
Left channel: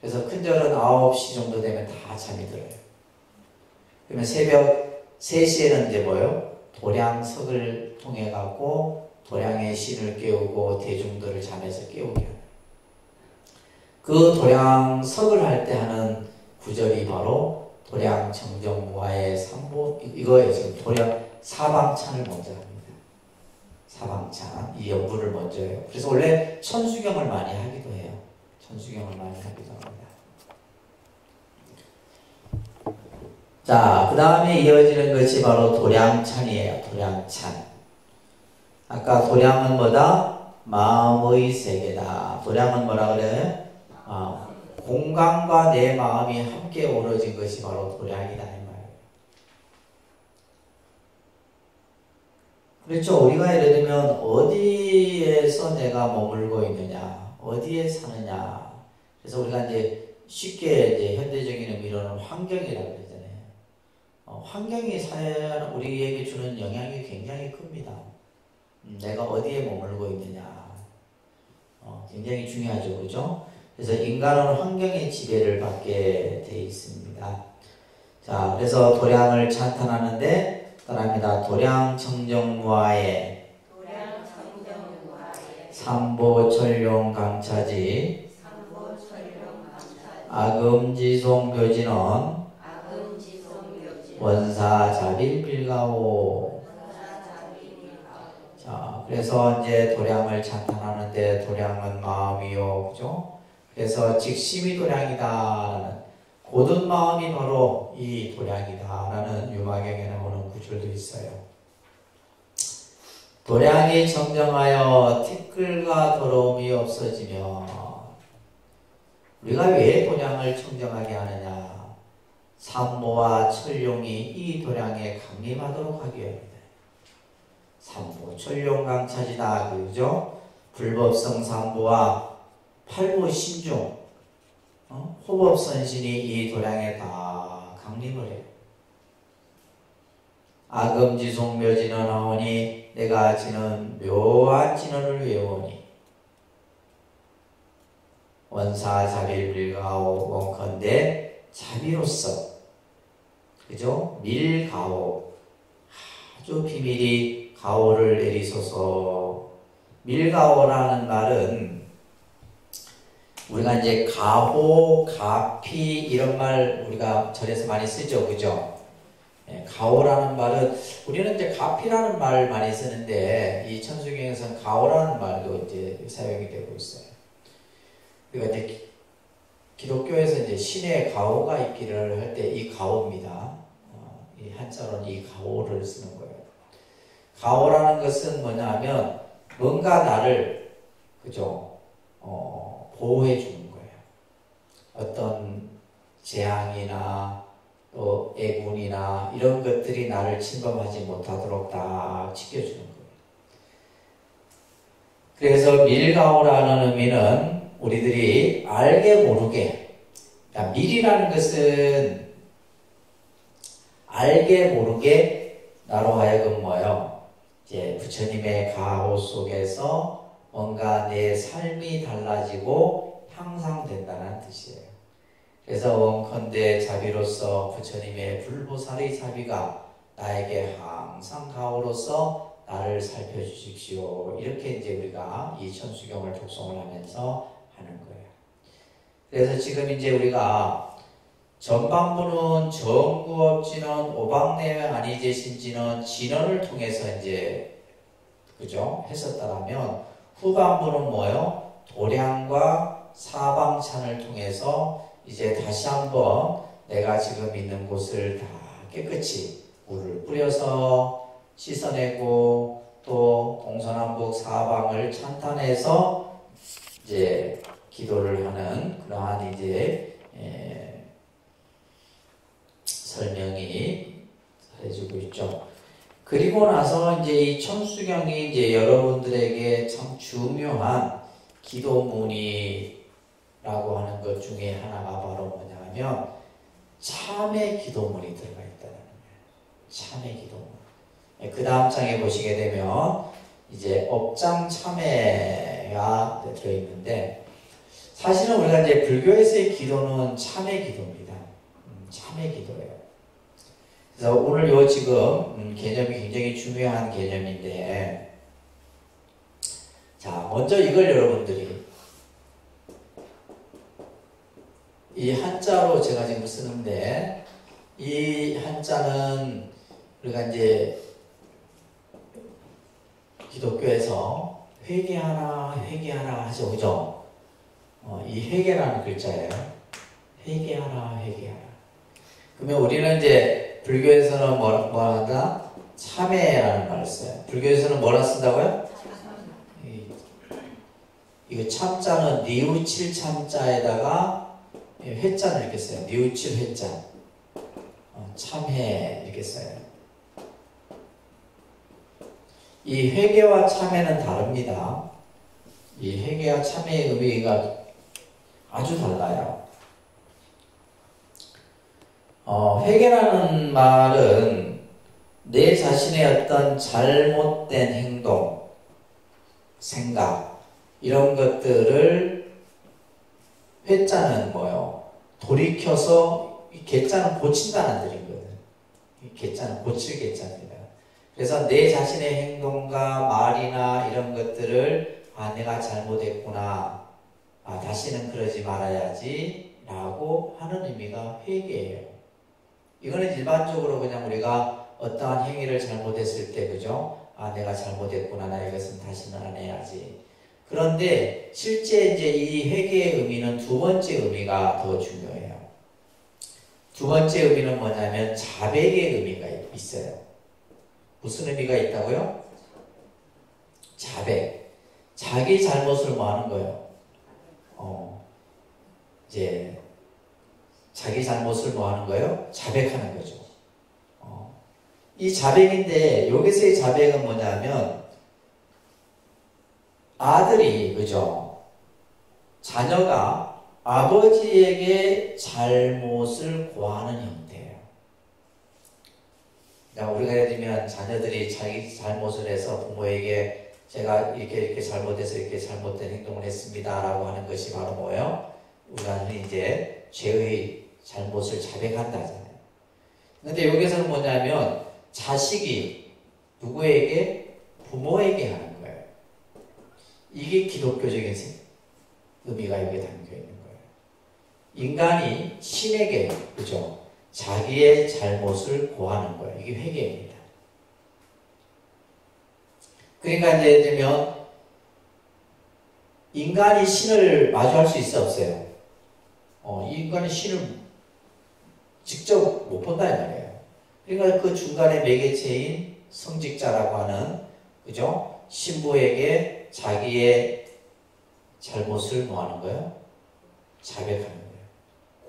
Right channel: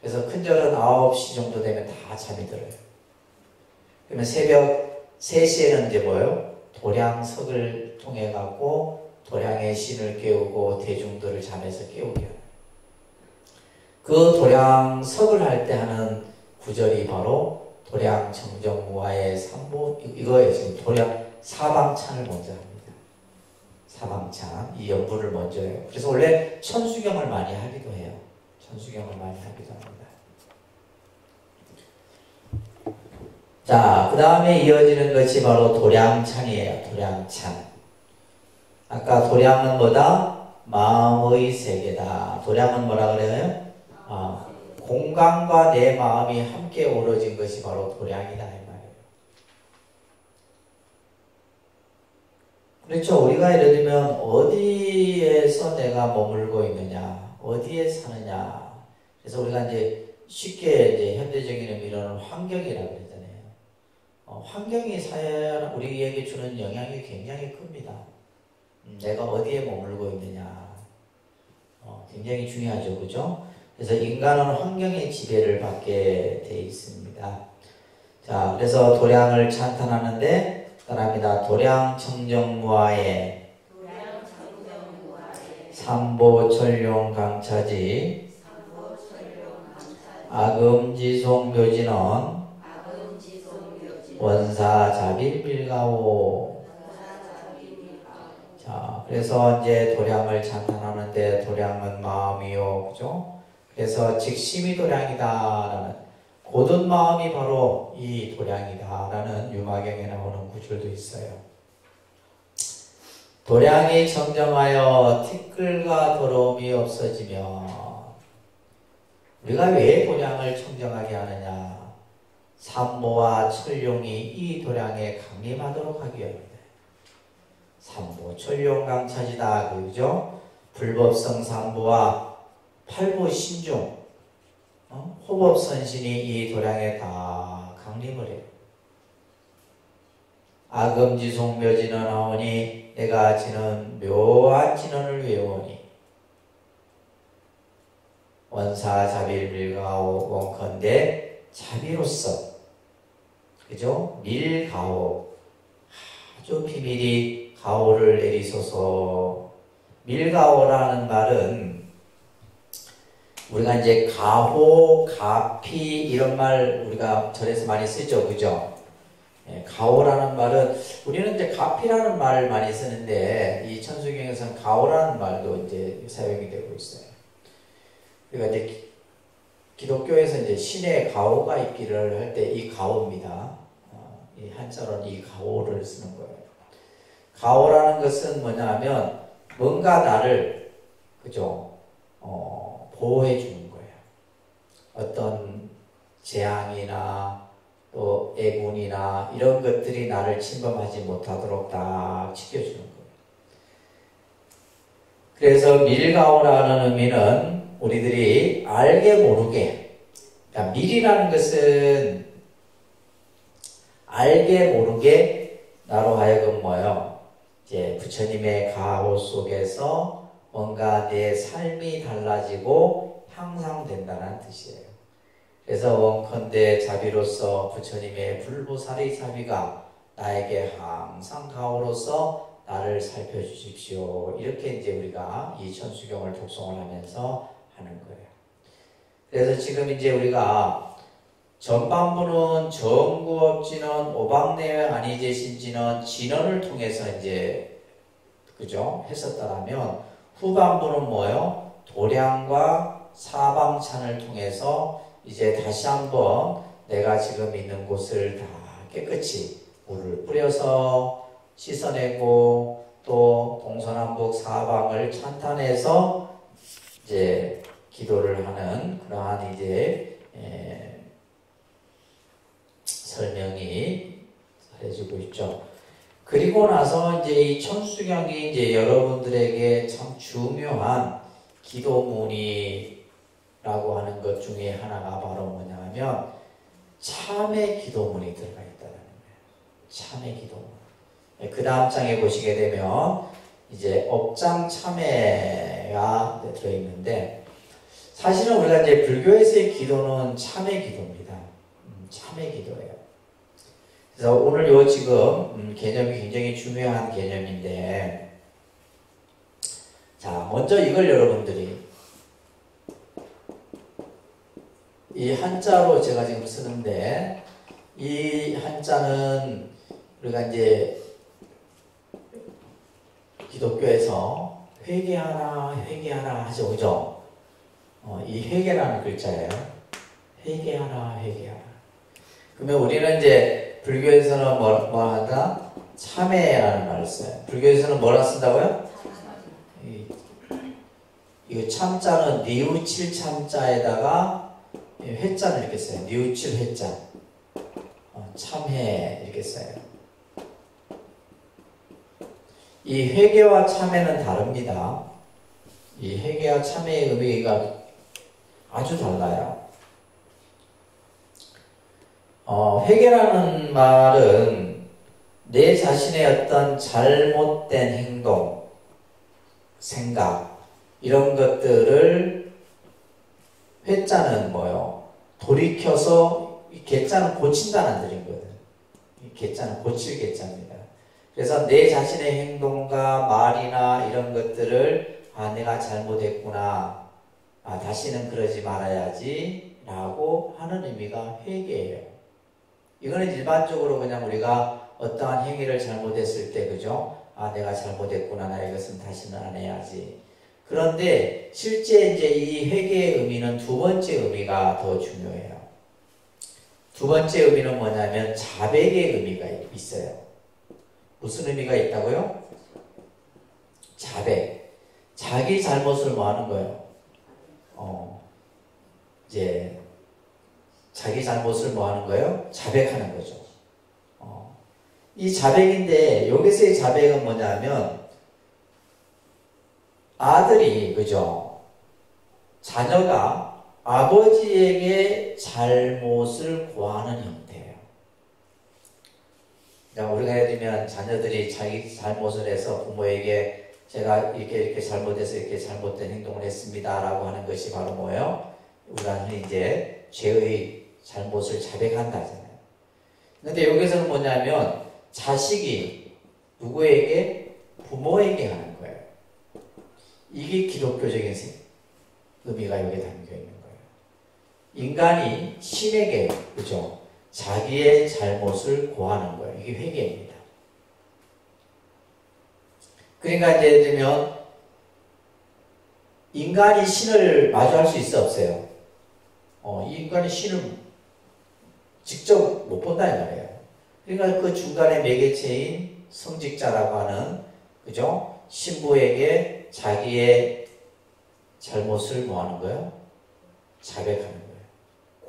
그래서 큰절은 9시 정도 되면 다 잠이 들어요. 그러면 새벽 3시에는 이제 뭐예요? 도량석을 통해 갖고 도량의 신을 깨우고 대중들을 잠에서 깨우게 해요. 그 도량석을 할 때 하는 구절이 바로 도량정정무화의 삼보, 이거에 지금 도량 사방찬을 먼저 합니다. 사방찬, 이 연부를 먼저 해요. 그래서 원래 천수경을 많이 하기도 해요. 천수경을 많이 하기도 합니다. 자, 그 다음에 이어지는 것이 바로 도량찬이에요. 도량찬. 아까 도량은 뭐다? 마음의 세계다. 도량은 뭐라 그래요? 공간과 내 마음이 함께 어우러진 것이 바로 도량이다 이 말이에요. 그렇죠. 우리가 예를 들면 어디에서 내가 머물고 있느냐, 어디에 사느냐. 그래서 우리가 이제 쉽게 이제 현대적인 의미로는 환경이라고 그러잖아요. 환경이 우리에게 주는 영향이 굉장히 큽니다. 내가 어디에 머물고 있느냐, 굉장히 중요하죠, 그죠? 그래서 인간은 환경의 지배를 받게 돼 있습니다. 자, 그래서 도량을 찬탄하는데 따라합니다. 도량청정무화에 삼보철룡강차지 아금지송묘진원 원사자빌빌가오. 자, 그래서 이제 도량을 찬탄하는데 도량은 마음이요, 그죠? 그래서 직심이 도량이다라는, 고든 마음이 바로 이 도량이다라는 유마경에 나오는 구절도 있어요. 도량이 정정하여 티끌과 더러움이 없어지며, 우리가 왜 도량을 청정하게 하느냐? 삼보와 철룡이 이 도량에 강림하도록 하기 위함이다. 삼보 철룡강차지다, 그죠? 불법성 삼보와 팔보 신중, 호법선신이 이 도량에 다 강림을 해요. 아금지송 묘진언하오니 내가 지는 묘한 진언을 외우오니 원사자비를 밀가오 원컨대 자비로서 그죠? 밀가오 아주 비밀이 가오를 내리소서. 밀가오라는 말은 우리가 이제 가호, 가피 이런 말 우리가 절에서 많이 쓰죠, 그죠? 가오라는 말은 우리는 이제 가피라는 말 많이 쓰는데 이 천수경에서는 가오라는 말도 이제 사용이 되고 있어요. 그러니까 이제 기독교에서 이제 신의 가오가 있기를 할 때 이 가오입니다. 이 한자로는 이 가오를 쓰는 거예요. 가오라는 것은 뭐냐면 뭔가 나를 그죠? 보호해 주는 거예요. 어떤 재앙이나 또 애군이나 이런 것들이 나를 침범하지 못하도록 다 지켜주는 거예요. 그래서 밀가오라는 의미는 우리들이 알게 모르게, 그러니까 밀이라는 것은 알게 모르게 나로 하여금 뭐예요? 이제 부처님의 가호 속에서 뭔가 내 삶이 달라지고 향상된다는 뜻이에요. 그래서 원컨대 자비로서 부처님의 불보살의 자비가 나에게 항상 가호로서 나를 살펴주십시오. 이렇게 이제 우리가 이 천수경을 독송을 하면서 하는 거예요. 그래서 지금 이제 우리가 전반부는 정구업진언, 오박내외 아니제신진언, 진언을 통해서 이제 그죠? 했었다라면 후반부는 뭐예요? 도량과 사방찬을 통해서 이제 다시 한번 내가 지금 있는 곳을 다 깨끗이 물을 뿌려서 씻어내고 또 동서남북 사방을 찬탄해서 이제 기도를 하는 그러한 이제 설명이 해주고 있죠. 그리고 나서 이제 이 천수경이 이제 여러분들에게 참 중요한 기도문이라고 하는 것 중에 하나가 바로 뭐냐면 참회 기도문이 들어가 있다는 거예요. 참회 기도문. 그 다음 장에 보시게 되면 이제 업장 참회가 들어있는데 사실은 우리가 이제 불교에서의 기도는 참회 기도입니다. 참회 기도예요. 그래서 오늘 요 지금 개념이 굉장히 중요한 개념인데 자 먼저 이걸 여러분들이 이 한자로 제가 지금 쓰는데 이 한자는 우리가 이제 기독교에서 회개하라 회개하라 하죠, 그죠? 이 회개라는 글자예요. 회개하라 회개하라. 그러면 우리는 이제 불교에서는 뭐 하다? 참회라는 말을 써요. 불교에서는 뭐라 쓴다고요? 이거 참자는 니우칠 참자에다가 회자를 이렇게 써요. 니우칠 회자. 참회 이렇게 써요. 이 회개와 참회는 다릅니다. 이 회개와 참회의 의미가 아주 달라요. 회개라는 말은 내 자신의 어떤 잘못된 행동, 생각 이런 것들을 회자는 뭐요? 돌이켜서 이 개자는 고친다는 뜻이거든. 이 개자는 고칠 개자입니다. 그래서 내 자신의 행동과 말이나 이런 것들을 내가 잘못했구나. 다시는 그러지 말아야지 라고 하는 의미가 회개예요. 이거는 일반적으로 그냥 우리가 어떠한 행위를 잘못했을 때 그죠? 내가 잘못했구나. 나 이것은 다시는 안 해야지. 그런데 실제 이제 이 회개의 의미는 두 번째 의미가 더 중요해요. 두 번째 의미는 뭐냐면 자백의 의미가 있어요. 무슨 의미가 있다고요? 자백. 자기 잘못을 뭐 하는 거예요? 이제 자기 잘못을 뭐 하는 거예요? 자백하는 거죠. 이 자백인데 여기서의 자백은 뭐냐면 아들이 그죠? 자녀가 아버지에게 잘못을 고하는 형태예요. 우리가 예를 들면 자녀들이 자기 잘못을 해서 부모에게 제가 이렇게 잘못해서 이렇게 잘못된 행동을 했습니다 라고 하는 것이 바로 뭐예요? 우리가 흔히 이제 죄의 잘못을 자백한다 하잖아요. 근데 여기서는 뭐냐면 자식이 누구에게? 부모에게 하는 거예요. 이게 기독교적인 의미가 여기에 담겨 있는 거예요. 인간이 신에게, 그죠? 자기의 잘못을 고하는 거예요. 이게 회개입니다. 그러니까 이제 예를 들면 인간이 신을 마주할 수 있어 없어요? 이 인간이 신을 직접 못 본다 이 말이에요. 그러니까 그 중간에 매개체인 성직자라고 하는, 그죠? 신부에게 자기의 잘못을 뭐 하는 거예요? 자백하는 거예요.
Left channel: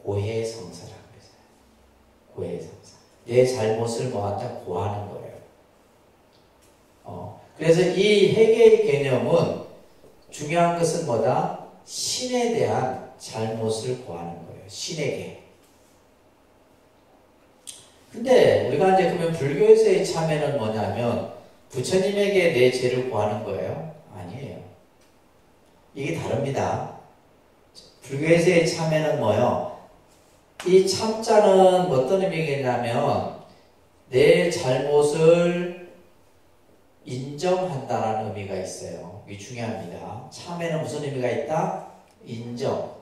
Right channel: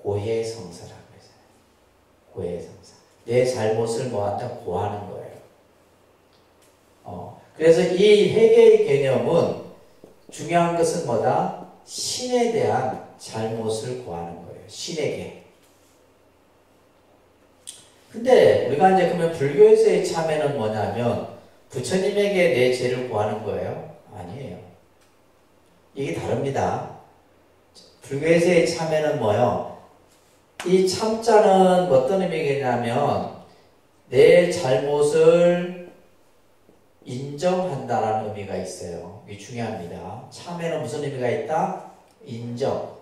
고해성사라고 해서요. 고해성사. 내 잘못을 뭐 한다? 고하는 거예요. 그래서 이 회개의 개념은 중요한 것은 뭐다? 신에 대한 잘못을 고하는 거예요. 신에게. 근데 우리가 이제 그러면 불교에서의 참회는 뭐냐면 부처님에게 내 죄를 고하는 거예요? 아니에요. 이게 다릅니다. 불교에서의 참회는 뭐예요? 이 참자는 어떤 의미겠냐면 내 잘못을 인정한다라는 의미가 있어요. 이게 중요합니다. 참회는 무슨 의미가 있다? 인정.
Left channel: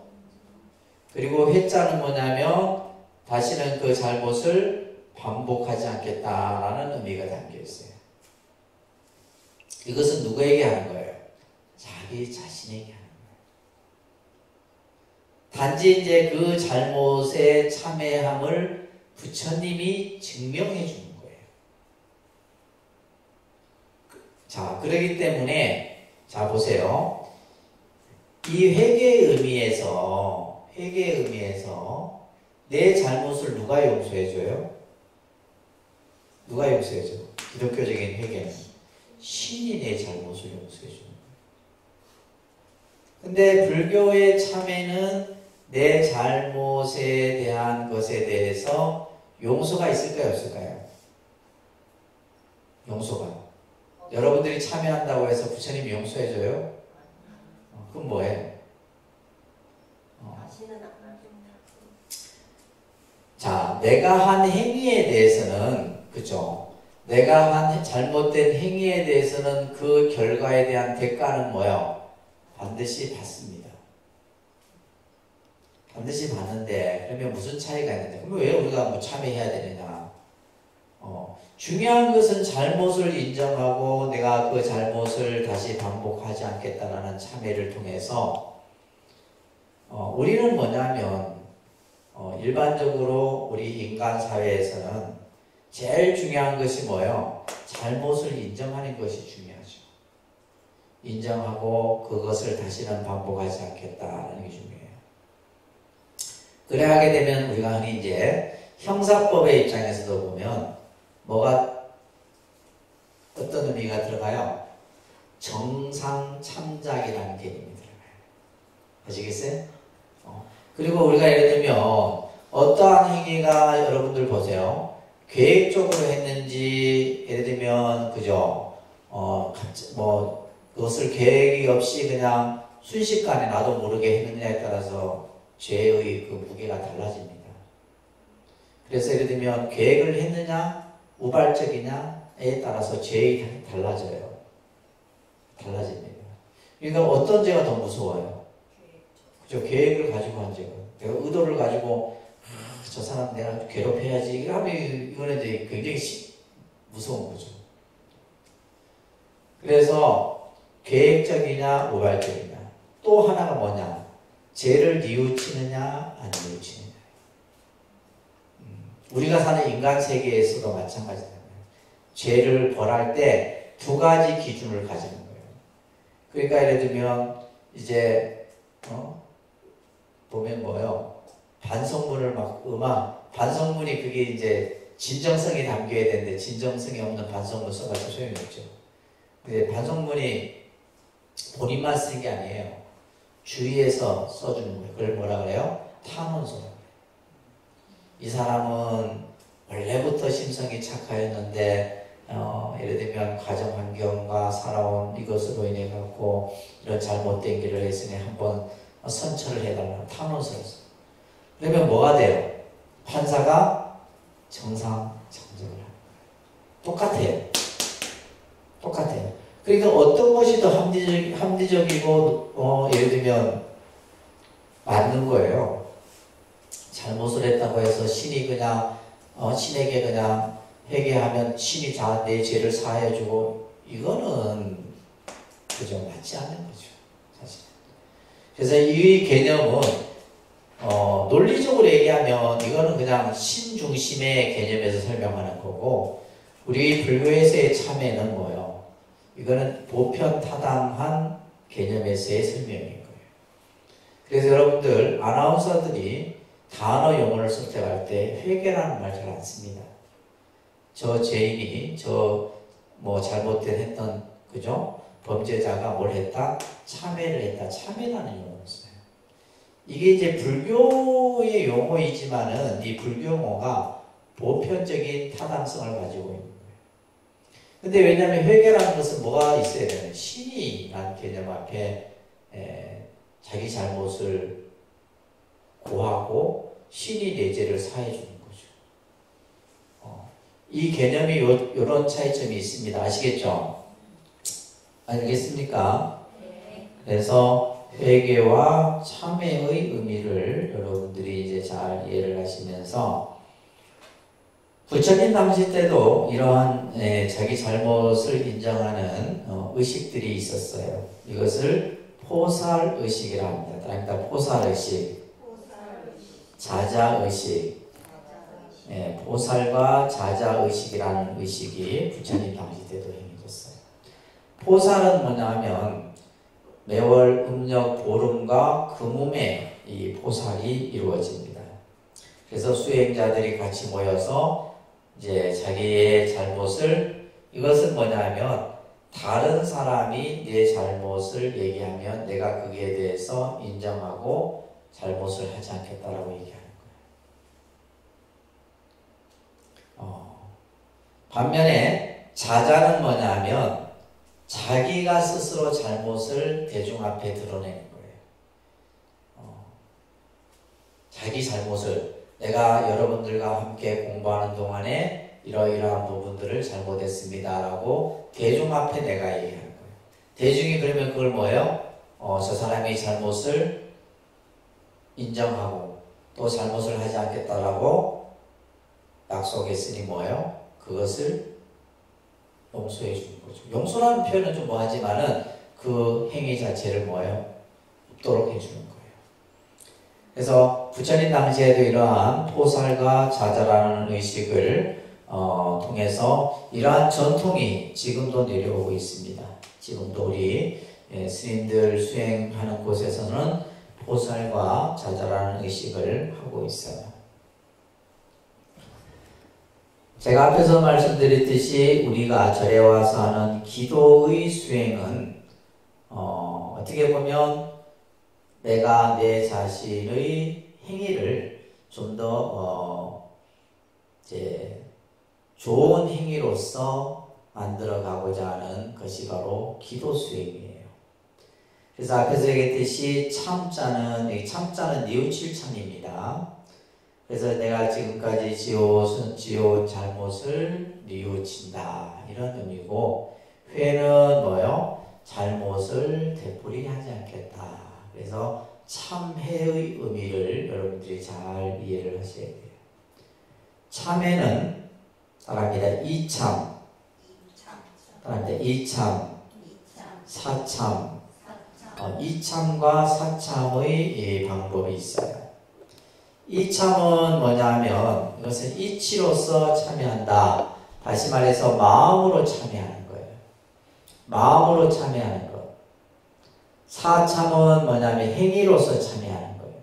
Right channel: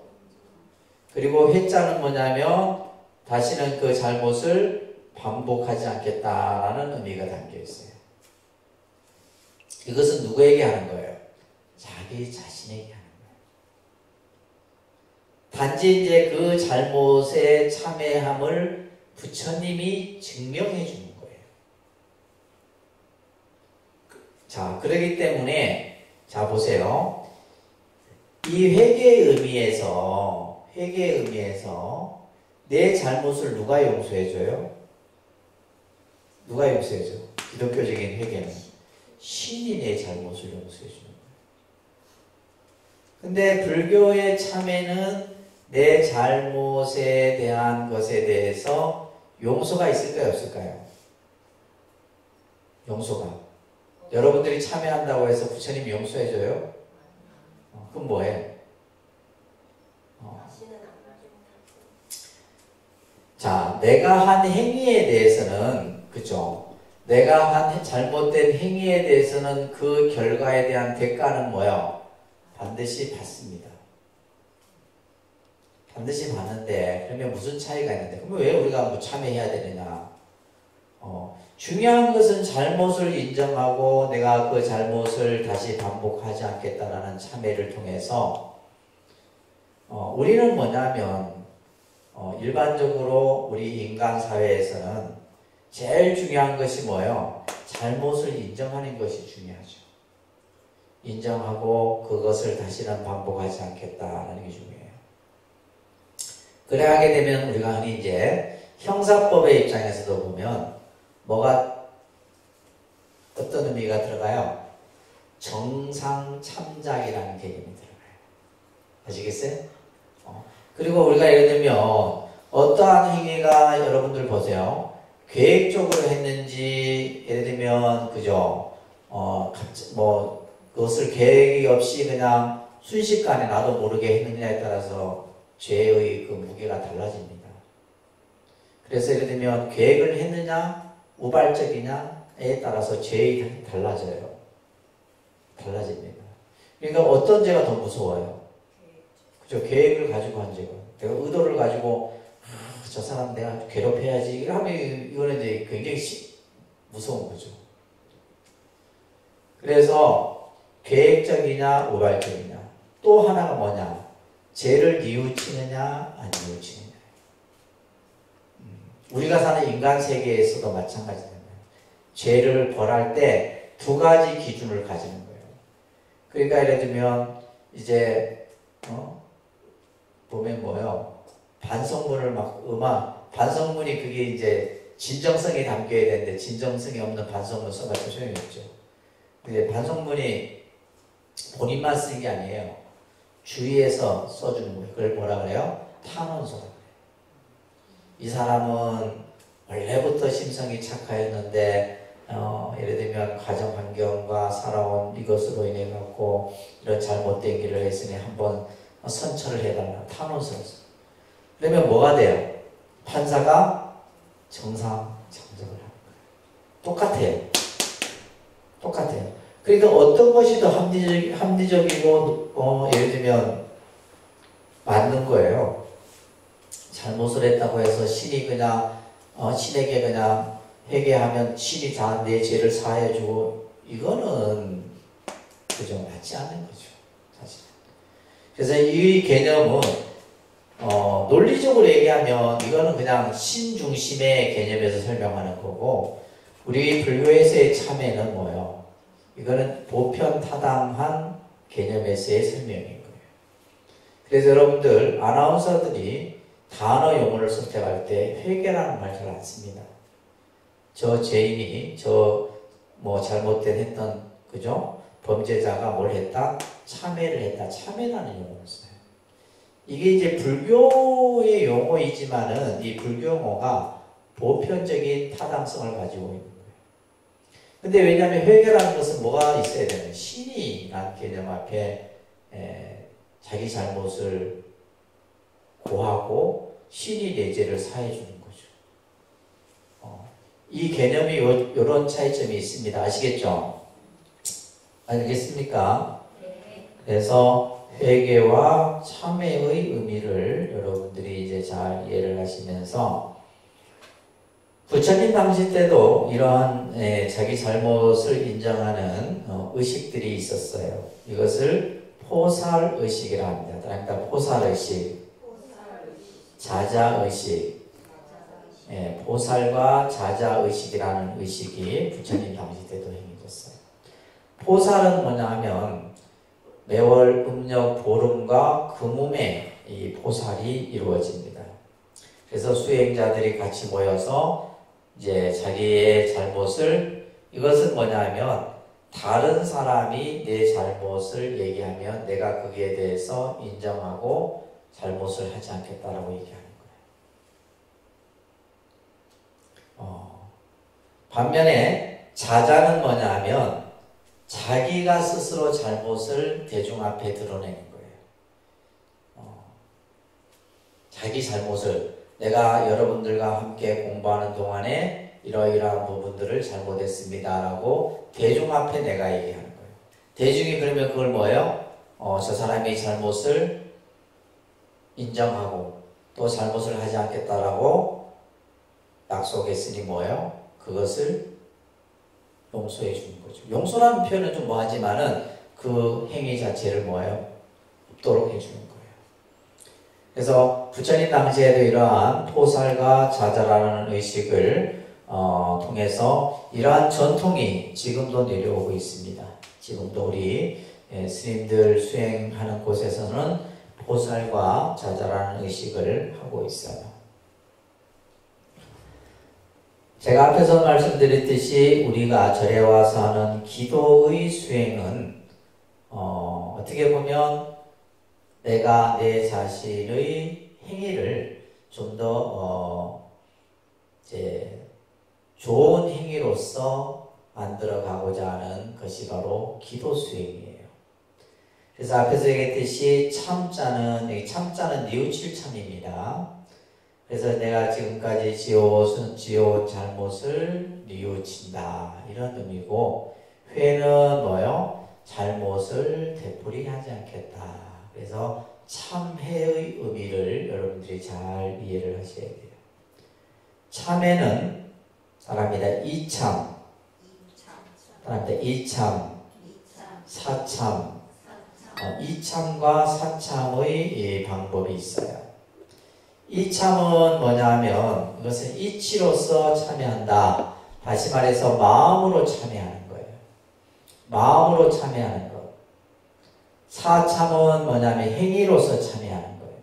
그리고 회자는 뭐냐면 다시는 그 잘못을 반복하지 않겠다라는 의미가 담겨 있어요. 이것은 누구에게 하는 거예요? 자기 자신에게 하는 거예요. 단지 이제 그 잘못의 참회함을 부처님이 증명해 주는 거예요. 자, 그러기 때문에 자 보세요. 이 회개의 의미에서 내 잘못을 누가 용서해 줘요? 누가 용서해 줘? 기독교적인 회개는 신이 내 잘못을 용서해 주는 거예요. 근데 불교의 참회는 내 잘못에 대한 것에 대해서 용서가 있을까요? 없을까요? 용서가. 여러분들이 참여한다고 해서 부처님이 용서해줘요? 그럼 뭐해? 자, 내가 한 행위에 대해서는, 그죠? 내가 한 잘못된 행위에 대해서는 그 결과에 대한 대가는 뭐예요? 반드시 받습니다. 반드시 받는데, 그러면 무슨 차이가 있는데? 그러면 왜 우리가 뭐 참여해야 되느냐? 중요한 것은 잘못을 인정하고 내가 그 잘못을 다시 반복하지 않겠다라는 참회를 통해서 우리는 뭐냐면 일반적으로 우리 인간 사회에서는 제일 중요한 것이 뭐예요? 잘못을 인정하는 것이 중요하죠. 인정하고 그것을 다시는 반복하지 않겠다라는 게 중요해요. 그래 하게 되면 우리가 흔히 이제 형사법의 입장에서도 보면 뭐가 어떤 의미가 들어가요? 정상참작이라는 개념이 들어가요. 아시겠어요? 그리고 우리가 예를 들면 어떠한 행위가 여러분들 보세요. 계획적으로 했는지 예를 들면 그죠? 뭐 그것을 계획이 없이 그냥 순식간에 나도 모르게 했느냐에 따라서 죄의 그 무게가 달라집니다. 그래서 예를 들면 계획을 했느냐 우발적이냐에 따라서 죄의 달라져요. 달라집니다. 그러니까 어떤 죄가 더 무서워요? 그죠? 계획을 가지고 한 죄가. 내가 의도를 가지고 저 사람 내가 괴롭혀야지 하면 이거는 이제 굉장히 무서운 거죠. 그래서 계획적이냐 우발적이냐. 또 하나가 뭐냐? 죄를 뉘우치느냐 안 뉘우치느냐. 우리가 사는 인간 세계에서도 마찬가지잖아요. 죄를 벌할 때 두 가지 기준을 가지는 거예요. 그러니까 예를 들면 이제 보면 뭐예요? 반성문을 반성문이 그게 이제 진정성이 담겨야 되는데 진정성이 없는 반성문 써가지고 소용이 없죠. 근데 반성문이 본인만 쓰는 게 아니에요. 주위에서 써주는 거예요. 그걸 뭐라 그래요? 탄원서. 이 사람은 원래부터 심성이 착하였는데 예를 들면 가정 환경과 살아온 이것으로 인해 갖고 이런 잘못된 길을 했으니 한번 선처를 해달라 탄원서를 써. 그러면 뭐가 돼요? 판사가 정상 참석을 합니다. 똑같아요. 똑같아요. 그러니까 어떤 것이 더 합리적이고 예를 들면 맞는 거예요. 잘못을 했다고 해서 신이 그냥 신에게 그냥 회개하면 신이 다 내 죄를 사해주고 이거는 그저 맞지 않는 거죠. 사실. 그래서 이 개념은 논리적으로 얘기하면 이거는 그냥 신 중심의 개념에서 설명하는 거고 우리 불교에서의 참회는 뭐예요? 이거는 보편타당한 개념에서의 설명인 거예요. 그래서 여러분들 아나운서들이 단어 용어를 선택할 때 회개라는 말 잘 안 씁니다. 저 죄인이 잘못된 했던 그죠? 범죄자가 뭘 했다? 참회를 했다. 참회라는 용어를 써요. 이게 이제 불교의 용어이지만은 이 불교 용어가 보편적인 타당성을 가지고 있는 거예요. 근데 왜냐하면 회개라는 것은 뭐가 있어야 되는 신이라는 개념 앞에 자기 잘못을 고하고 신이 내 죄를 사해 주는 거죠. 이 개념이 이런 차이점이 있습니다. 아시겠죠? 알겠습니까? 네. 그래서 회개와 참회의 의미를 여러분들이 이제 잘 이해를 하시면서 부처님 당시 때도 이러한 자기 잘못을 인정하는 의식들이 있었어요. 이것을 포살의식이라 합니다. 포살의식, 자자의식, 포살과 자자의식이라는 의식이 부처님 당시 때도 행해졌어요. 포살은 뭐냐 하면 매월 음력 보름과 금음에 이 포살이 이루어집니다. 그래서 수행자들이 같이 모여서 이제 자기의 잘못을 이것은 뭐냐 하면 다른 사람이 내 잘못을 얘기하면 내가 거기에 대해서 인정하고 잘못을 하지 않겠다라고 얘기하는 거예요. 반면에 자자는 뭐냐 하면 자기가 스스로 잘못을 대중 앞에 드러내는 거예요. 자기 잘못을 내가 여러분들과 함께 공부하는 동안에 이러이러한 부분들을 잘못했습니다 라고 대중 앞에 내가 얘기하는 거예요. 대중이 그러면 그걸 뭐예요? 저 사람의 잘못을 인정하고 또 잘못을 하지 않겠다라고 약속했으니 뭐예요? 그것을 용서해 주는 거죠. 용서라는 표현은 좀 뭐하지만은 그 행위 자체를 뭐예요? 없도록 해주는 거예요. 그래서 부처님 당시에도 이러한 포살과 자자라는 의식을 통해서 이러한 전통이 지금도 내려오고 있습니다. 지금도 우리 스님들 수행하는 곳에서는 포살과 자자라는 의식을 하고 있어요. 제가 앞에서 말씀드렸듯이 우리가 절에 와서 하는 기도의 수행은 어떻게 보면 내가 내 자신의 행위를 좀 더 좋은 행위로서 만들어가고자 하는 것이 바로 기도 수행이에요. 그래서 앞에서 얘기했듯이 참자는 뉘우칠 참입니다. 그래서 내가 지금까지 지어온 잘못을 뉘우친다 이런 의미고, 회는 뭐요? 잘못을 되풀이하지 않겠다. 그래서 참회의 의미를 여러분들이 잘 이해를 하셔야 돼요. 참회는 따라합니다. 이참, 따라합니다. 이참, 사참, 이참과 사참의 방법이 있어요. 이참은 뭐냐면 이것은 이치로서 참여한다. 다시 말해서 마음으로 참여하는 거예요. 마음으로 참여하는 것. 사참은 뭐냐면 행위로서 참여하는 거예요.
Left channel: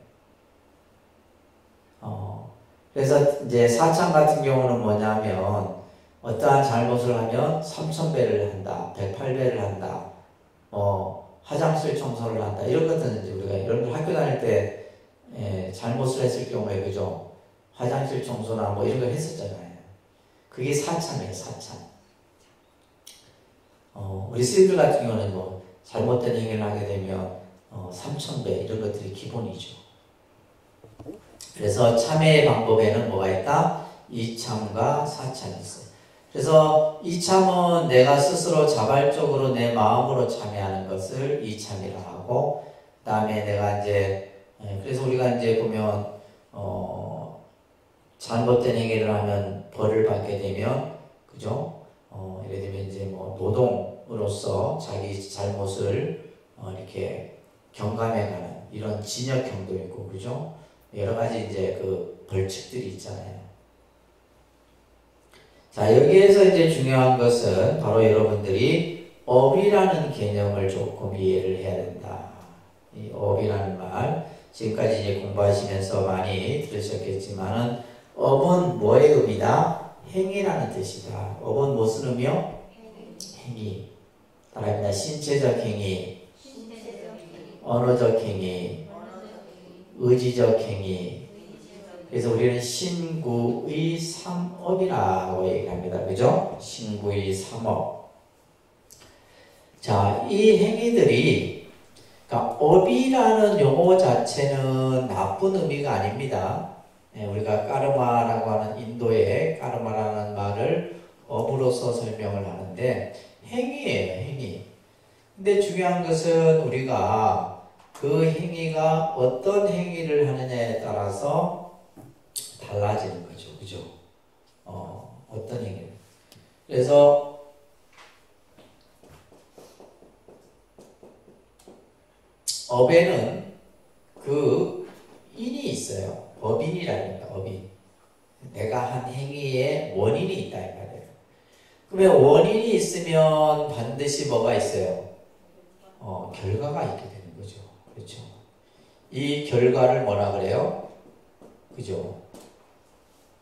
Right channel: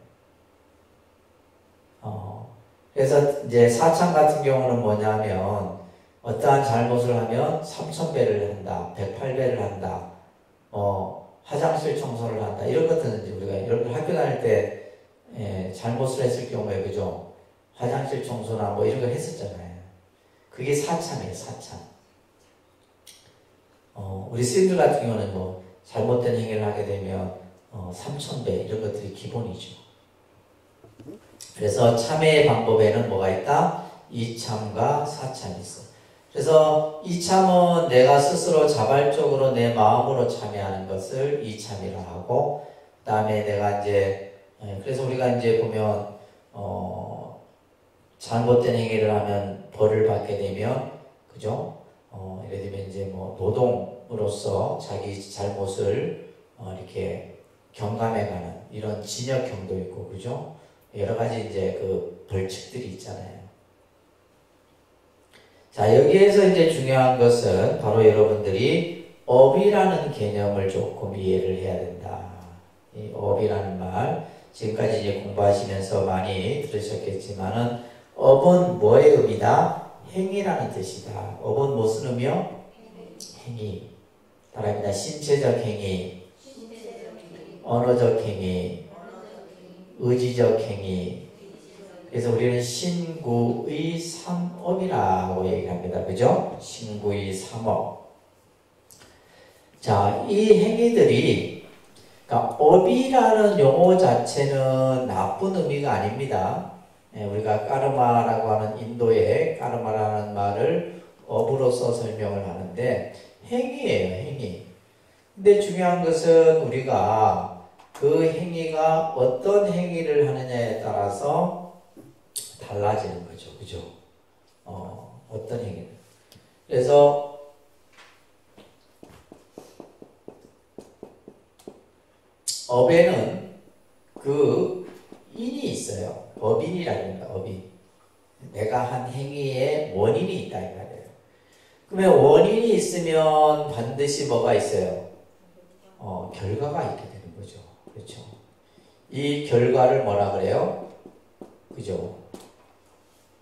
그래서 이제 사참 같은 경우는 뭐냐면 어떠한 잘못을 하면 3000배를 한다, 108배를 한다, 화장실 청소를 한다 이런 것들은 우리가 여러분 학교 다닐 때 잘못을 했을 경우에 그죠? 화장실 청소나 뭐 이런 거 했었잖아요. 그게 사참이에요, 사참. 우리 스님들 같은 경우는 뭐 잘못된 행위를 하게 되면 3,000배 이런 것들이 기본이죠. 그래서 참회의 방법에는 뭐가 있다? 이참과 사참이 있어요. 그래서 이참은 내가 스스로 자발적으로 내 마음으로 참여하는 것을 이참이라 하고, 그 다음에 내가 이제, 그래서 우리가 이제 보면, 잘못된 행위를 하면 벌을 받게 되면, 그죠? 예를 들면 이제 뭐 노동으로서 자기 잘못을 이렇게 경감해가는 이런 징역형도 있고, 그죠? 여러 가지 이제 그 벌칙들이 있잖아요. 자, 여기에서 이제 중요한 것은 바로 여러분들이 업이라는 개념을 조금 이해를 해야 된다. 이 업이라는 말, 지금까지 이제 공부하시면서 많이 들으셨겠지만은, 업은 뭐의 업이다? 행위라는 뜻이다. 업은 무슨 의미요? 행위. 따라합니다. 신체적 행위, 언어적 행위, 의지적 행위. 그래서 우리는 신구의 삼업이라고 얘기합니다. 그죠? 신구의 삼업. 자, 이 행위들이, 그러니까 업이라는 용어 자체는 나쁜 의미가 아닙니다. 우리가 까르마라고 하는 인도의 까르마라는 말을 업으로서 설명을 하는데 행위예요, 행위. 근데 중요한 것은 우리가 그 행위가 어떤 행위를 하느냐에 따라서 달라지는 거죠. 그죠? 어떤 행위를. 그래서 업에는 그 인이 있어요. 법인이라는 겁니다. 법인. 내가 한 행위에 원인이 있다 이 말이에요. 그러면 원인이 있으면 반드시 뭐가 있어요? 결과가 있게 되는 거죠. 그렇죠? 이 결과를 뭐라 그래요? 그죠?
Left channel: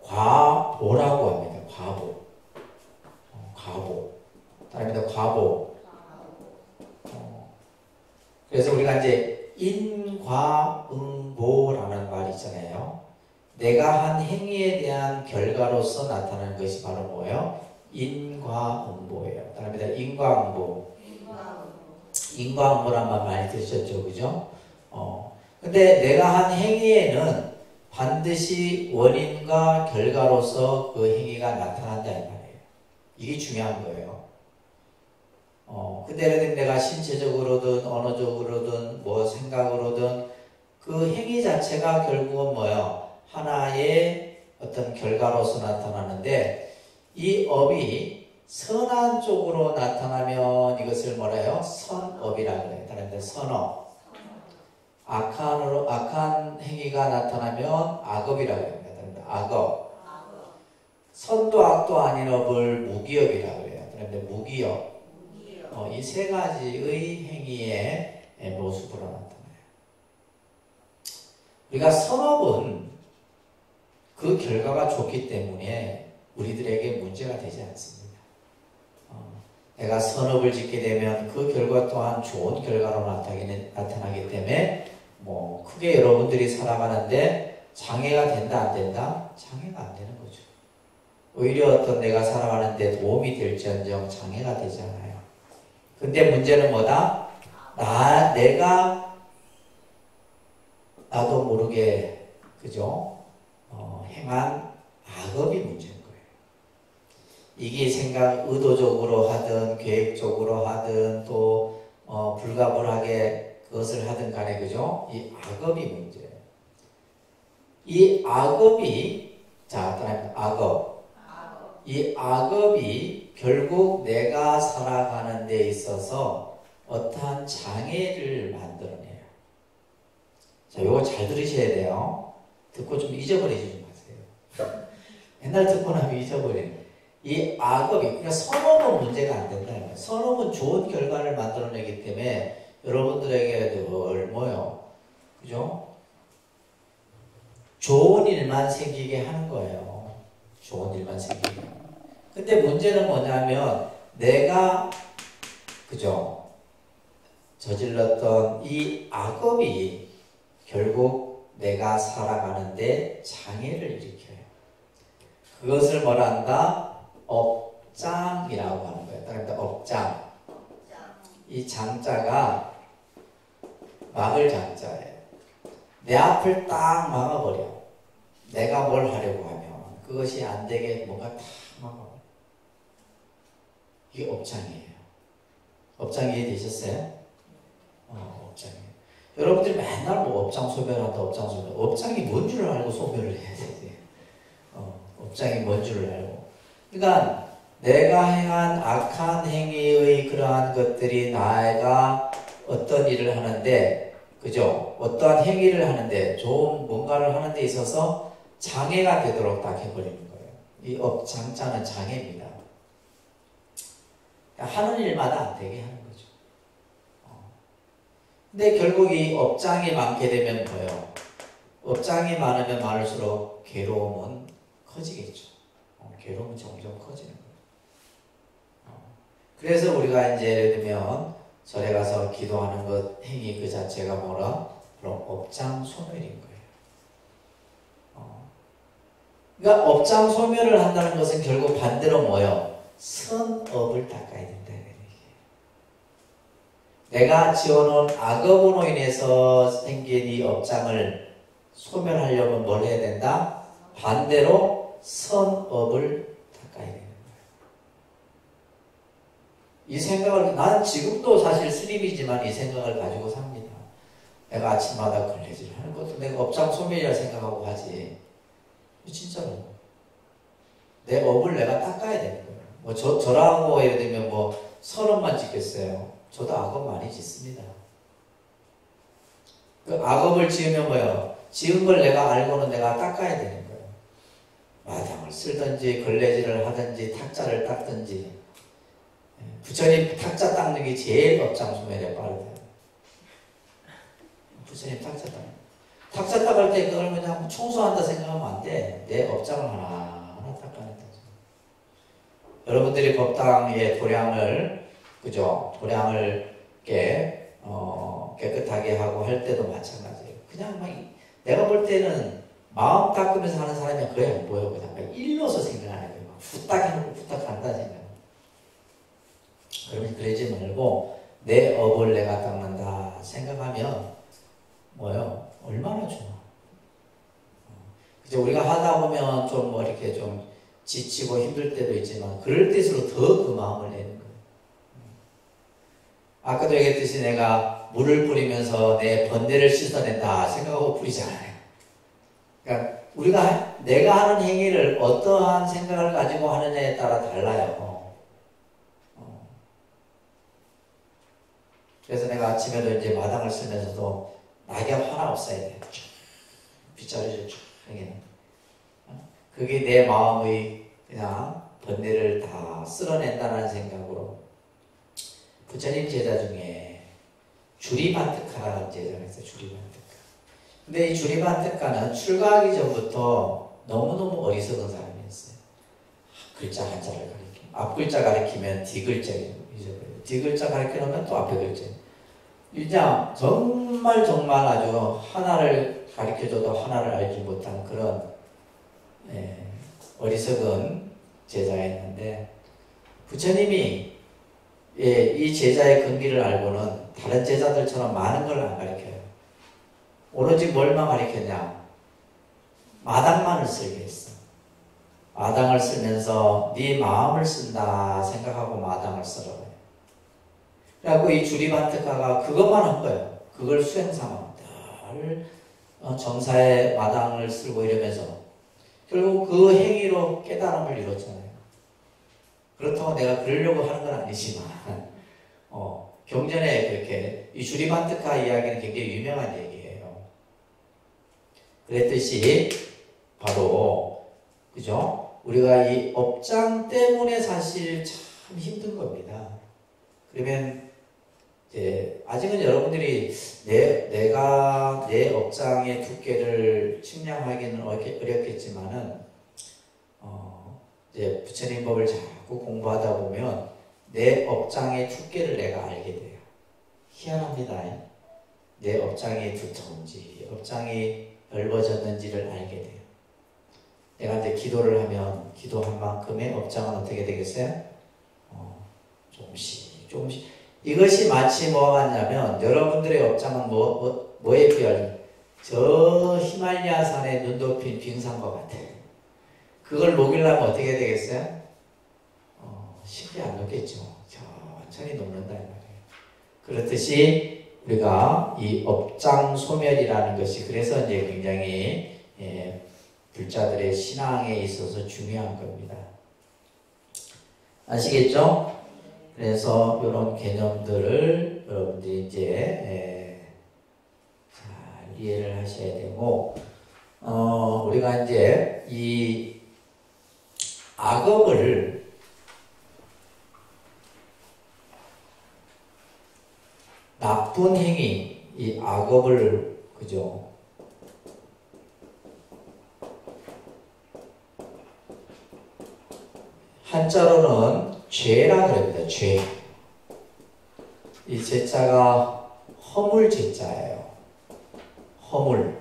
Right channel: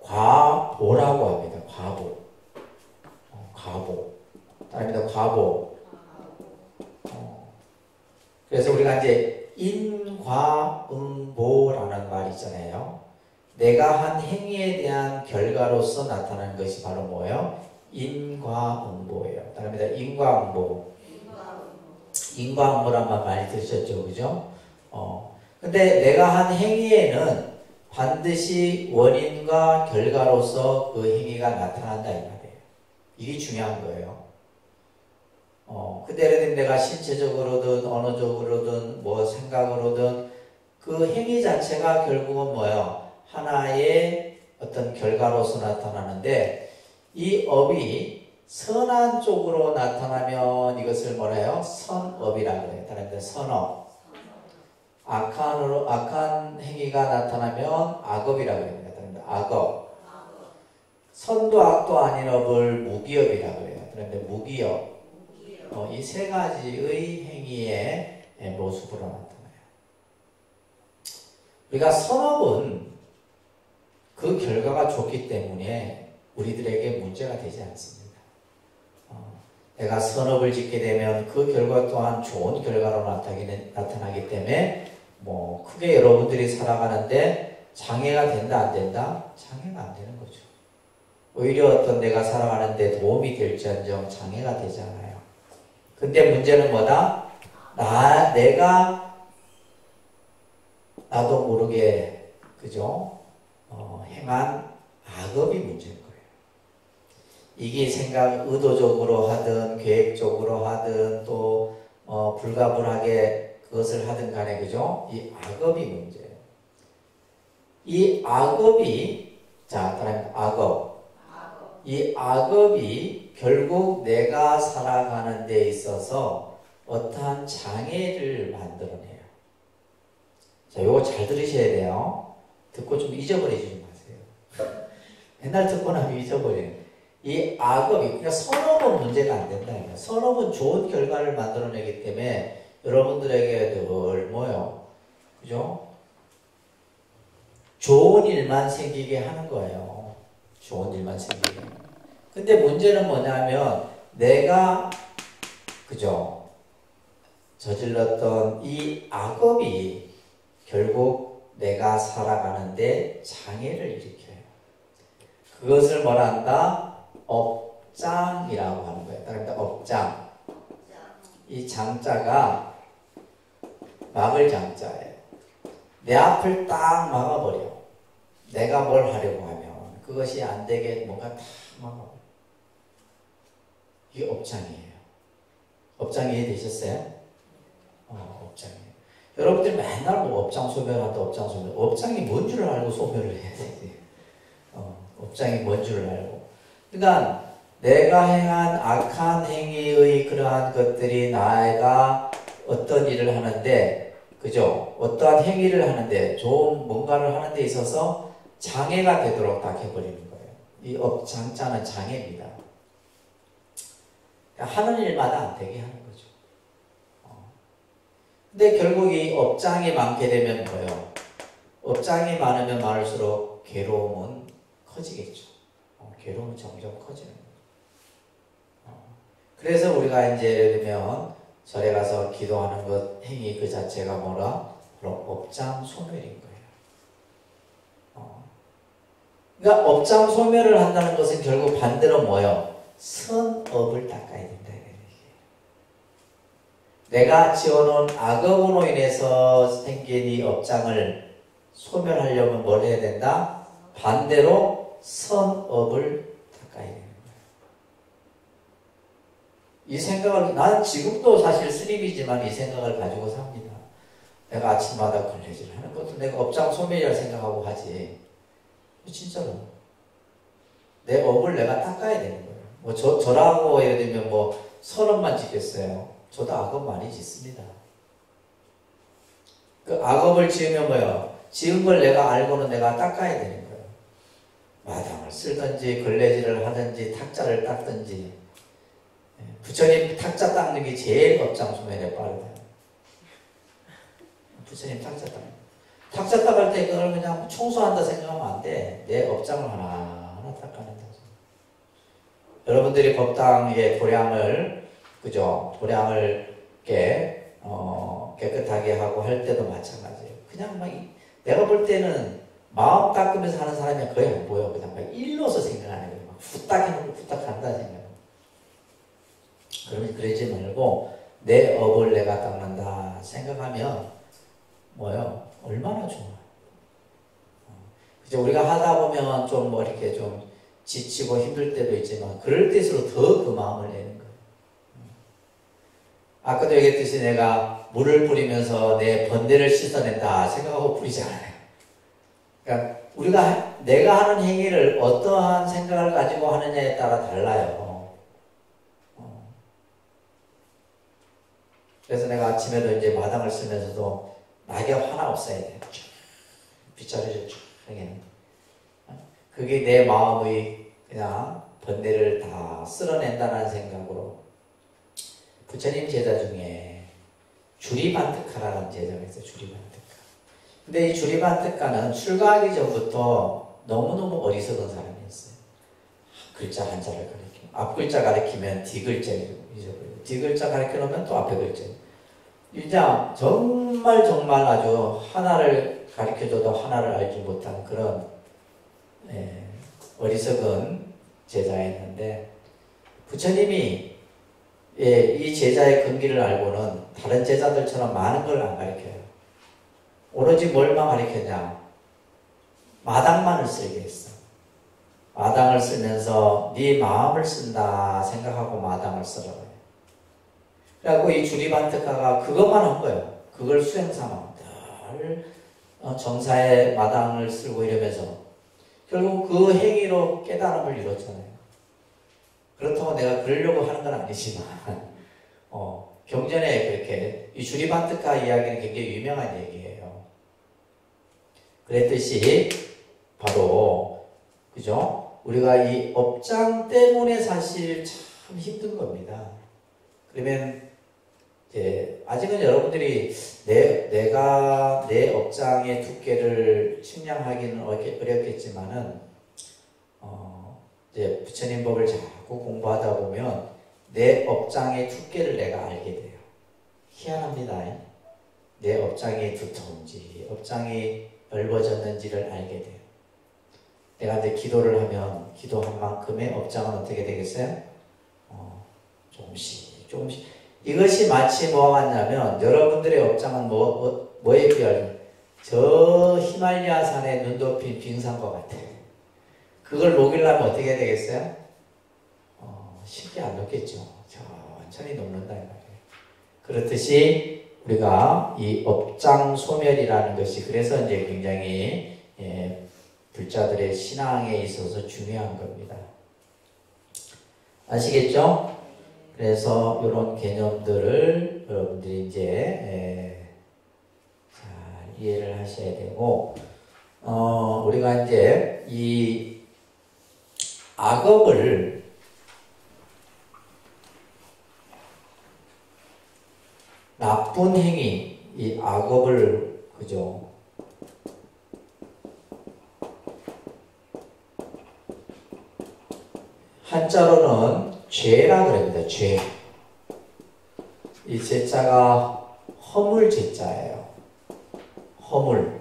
과보라고 합니다. 과보. 과보. 따릅니다. 과보. 그래서 우리가 이제 인과응보라는 말이 있잖아요. 내가 한 행위에 대한 결과로서 나타나는 것이 바로 뭐예요? 인과응보예요. 따릅니다. 인과응보. 인과응보란 말 많이 들으셨죠? 그죠? 근데 내가 한 행위에는 반드시 원인과 결과로서 그 행위가 나타난다 이 말이에요. 이게 중요한 거예요. 근데 예를 들면 내가 신체적으로든 언어적으로든 뭐 생각으로든 그 행위 자체가 결국은 뭐예요? 하나의 어떤 결과로서 나타나는데 이 업이 선한 쪽으로 나타나면 이것을 뭐라 해요? 선업이라고 해요. 다른 데 선업. 악한 행위가 나타나면 악업이라고 합니다. 다른 데 악업. 선도 악도 아닌 업을 무기업이라고 해요. 다른 데 무기업. 이 세 가지의 행위의 모습으로 나타나요. 우리가 선업은 그 결과가 좋기 때문에 우리들에게 문제가 되지 않습니다. 내가 선업을 짓게 되면 그 결과 또한 좋은 결과로 나타나기 때문에 뭐 크게 여러분들이 살아가는데 장애가 된다 안 된다? 장애가 안 되는 거죠. 오히려 어떤 내가 살아가는데 도움이 될지언정 장애가 되잖아요. 근데 문제는 뭐다? 내가 나도 모르게 그죠? 행한 악업이 문제인 거예요. 이게 의도적으로 하든 계획적으로 하든 또 불가분하게 그것을 하든 간에 그죠? 이 악업이 문제예요. 이 악업이 따라합니다. 악업. 이 악업이 결국 내가 살아가는 데 있어서 어떠한 장애를 만들어내요. 자, 요거 잘 들으셔야 돼요. 듣고 좀 잊어버리지 마세요. 옛날 듣고 나면 잊어버리는. 이 악업이, 그러니까 선업은 문제가 안 된다. 선업은 좋은 결과를 만들어내기 때문에 여러분들에게 늘 뭐요? 그죠? 좋은 일만 생기게 하는 거예요. 좋은 일만 생기게. 근데 문제는 뭐냐면 내가 그죠? 저질렀던 이 악업이 결국 내가 살아가는데 장애를 일으켜요. 그것을 뭐라 한다? 업장이라고 하는 거예요. 그러니까 업장. 이 장자가 막을 장자예요. 내 앞을 딱 막아버려. 내가 뭘 하려고 하면 그것이 안 되게 뭔가 딱 막아. 이게 업장이에요. 업장 이해되셨어요? 업장이에요. 여러분들이 맨날 뭐 업장 소멸한다, 업장 소멸. 업장이 뭔 줄 알고 소멸을 해야 되지. 업장이 뭔 줄 알고. 그러니까 내가 행한 악한 행위의 그러한 것들이 나가 어떤 일을 하는데, 그죠? 어떠한 행위를 하는데, 좋은 뭔가를 하는 데 있어서 장애가 되도록 딱 해버리는 거예요. 이 업장자는 장애입니다. 하는 일마다 안 되게 하는 거죠. 근데 결국 이 업장이 많게 되면 뭐예요? 업장이 많으면 많을수록 괴로움은 커지겠죠. 괴로움은 점점 커지는 거예요. 그래서 우리가 이제 예를 들면 절에 가서 기도하는 것 행위 그 자체가 뭐라? 그럼 업장 소멸인 거예요. 그러니까 업장 소멸을 한다는 것은 결국 반대로 뭐예요? 선업을 닦아야 된다. 내가 지어놓은 악업으로 인해서 생긴 이 업장을 소멸하려면 뭘 해야 된다? 반대로 선업을 닦아야 되는 거예요. 이 생각을, 난 지금도 사실 스님이지만 이 생각을 가지고 삽니다. 내가 아침마다 걸레질을 하는 것도 내가 업장 소멸이라 생각하고 하지. 진짜로. 내 업을 내가 닦아야 되는 거예요. 뭐 저라고 예를 들면 뭐 30만 짓겠어요. 저도 악업 많이 짓습니다. 그 악업을 지으면 뭐예요? 지은 걸 내가 알고는 내가 닦아야 되는 거예요. 마당을 쓸든지 걸레질을 하든지 탁자를 닦든지. 부처님 탁자 닦는 게 제일 업장 소멸에 빠르다. 부처님 탁자 닦는 탁자 닦을 때 그걸 그냥 청소한다 생각하면 안 돼. 내 업장을 하나하나 닦아낸다. 여러분들이 법당의 도량을, 그죠? 도량을 깨끗하게 하고 할 때도 마찬가지예요. 그냥 막 내가 볼 때는 마음 닦으면서 하는 사람이 거의 안 보여. 그냥 막 일러서 생각하는 거예요. 막 후딱 해놓고 후딱 한다 생각. 그러면 그러지 말고 내 업을 내가 닦는다 생각하면 뭐요? 얼마나 좋아. 그죠? 우리가 하다 보면 좀 뭐 이렇게 좀 지치고 힘들 때도 있지만 그럴 때일수록 더 그 마음을 내는 거예요. 아까도 얘기했듯이 내가 물을 뿌리면서 내 번뇌를 씻어낸다 생각하고 뿌리지 않아요. 그러니까 내가 하는 행위를 어떠한 생각을 가지고 하느냐에 따라 달라요. 그래서 내가 아침에도 이제 마당을 쓰면서도 낙엽 하나 없어야 돼요. 빗자루를 쭉 하게. 그게 내 마음의 그냥 번뇌를 다 쓸어낸다는 생각으로. 부처님 제자 중에 주리반특가라는 제자가 있어요. 주리반특가. 근데 이 주리반특가는 출가하기 전부터 너무너무 어리석은 사람이었어요. 글자 한자를 가리키면 앞글자 가리키면 뒤글자를 잊어버려요. 뒤글자 가리켜놓으면 또 앞에 글자. 그냥 정말 아주 하나를 가리켜줘도 하나를 알지 못한 그런 어리석은 제자였는데 부처님이 이 제자의 근기를 알고는 다른 제자들처럼 많은 걸 안 가르쳐요. 오로지 뭘만 가르쳤냐? 마당만을 쓰게 했어. 마당을 쓰면서 네 마음을 쓴다 생각하고 마당을 쓰라고 해요. 그래갖고 이 주리반특가가 그것만 한 거예요. 그걸 수행삼아 늘 정사의 마당을 쓸고 이러면서 결국 그 행위로 깨달음을 이뤘잖아요. 그렇다고 내가 그러려고 하는 건 아니지만 경전에 그렇게 이 주리반특가 이야기는 굉장히 유명한 얘기예요. 그랬듯이 바로 그죠? 우리가 이 업장 때문에 사실 참 힘든 겁니다. 그러면 이제 아직은 여러분들이 내가 내 업장의 두께를 측량하기는 어렵겠지만은 이제 부처님 법을 자꾸 공부하다 보면 내 업장의 두께를 내가 알게 돼요. 희한합니다. 내 업장이 두터운지 업장이 넓어졌는지를 알게 돼요. 내가 이제 기도를 하면 기도한 만큼의 업장은 어떻게 되겠어요? 조금씩. 이것이 마치 뭐가 같냐면 여러분들의 업장은 뭐에 비하면 저 히말리아 산에 눈 덮인 빙산과 같아요. 그걸 녹이려면 어떻게 되겠어요? 쉽게 안 녹겠죠. 천천히 녹는다 이 말이에요. 그렇듯이 우리가 이 업장 소멸이라는 것이 그래서 이제 굉장히 불자들의 신앙에 있어서 중요한 겁니다. 아시겠죠? 그래서 이런 개념들을 여러분들이 이제 잘 이해를 하셔야 되고, 우리가 이제 이 악업을 나쁜 행위, 이 악업을 그죠? 한자로는 죄라 그럽니다. 죄. 이 죄자가 허물 죄자예요. 허물.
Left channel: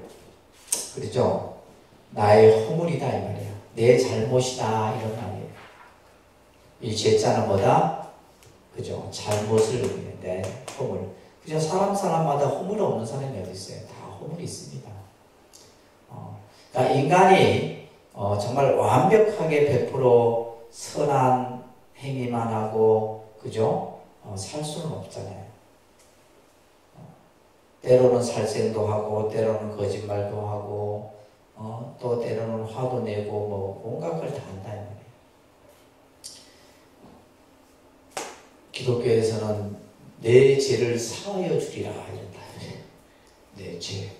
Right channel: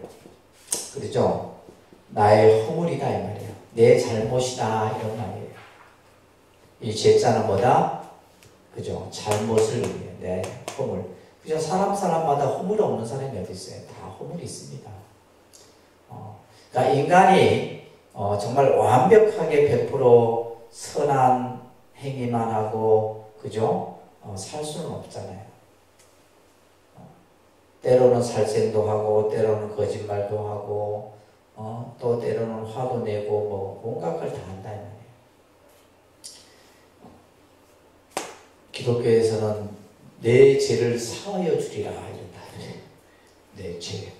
그렇죠? 나의 허물이다 이 말이에요. 내 잘못이다 이런 말이에요. 이 죄자는 뭐다? 그죠? 잘못을 의미하는데 허물. 그죠? 사람마다 허물 없는 사람이 어디 있어요? 다 허물이 있습니다. 그러니까 인간이 정말 완벽하게 100% 선한 행위만 하고 그죠? 살 수는 없잖아요. 때로는 살생도 하고 때로는 거짓말도 하고 또 때로는 화도 내고 뭐 온갖 걸 다 한다 이 말이에요. 기독교에서는 내 죄를 사하여 주리라 이런다. 내 죄.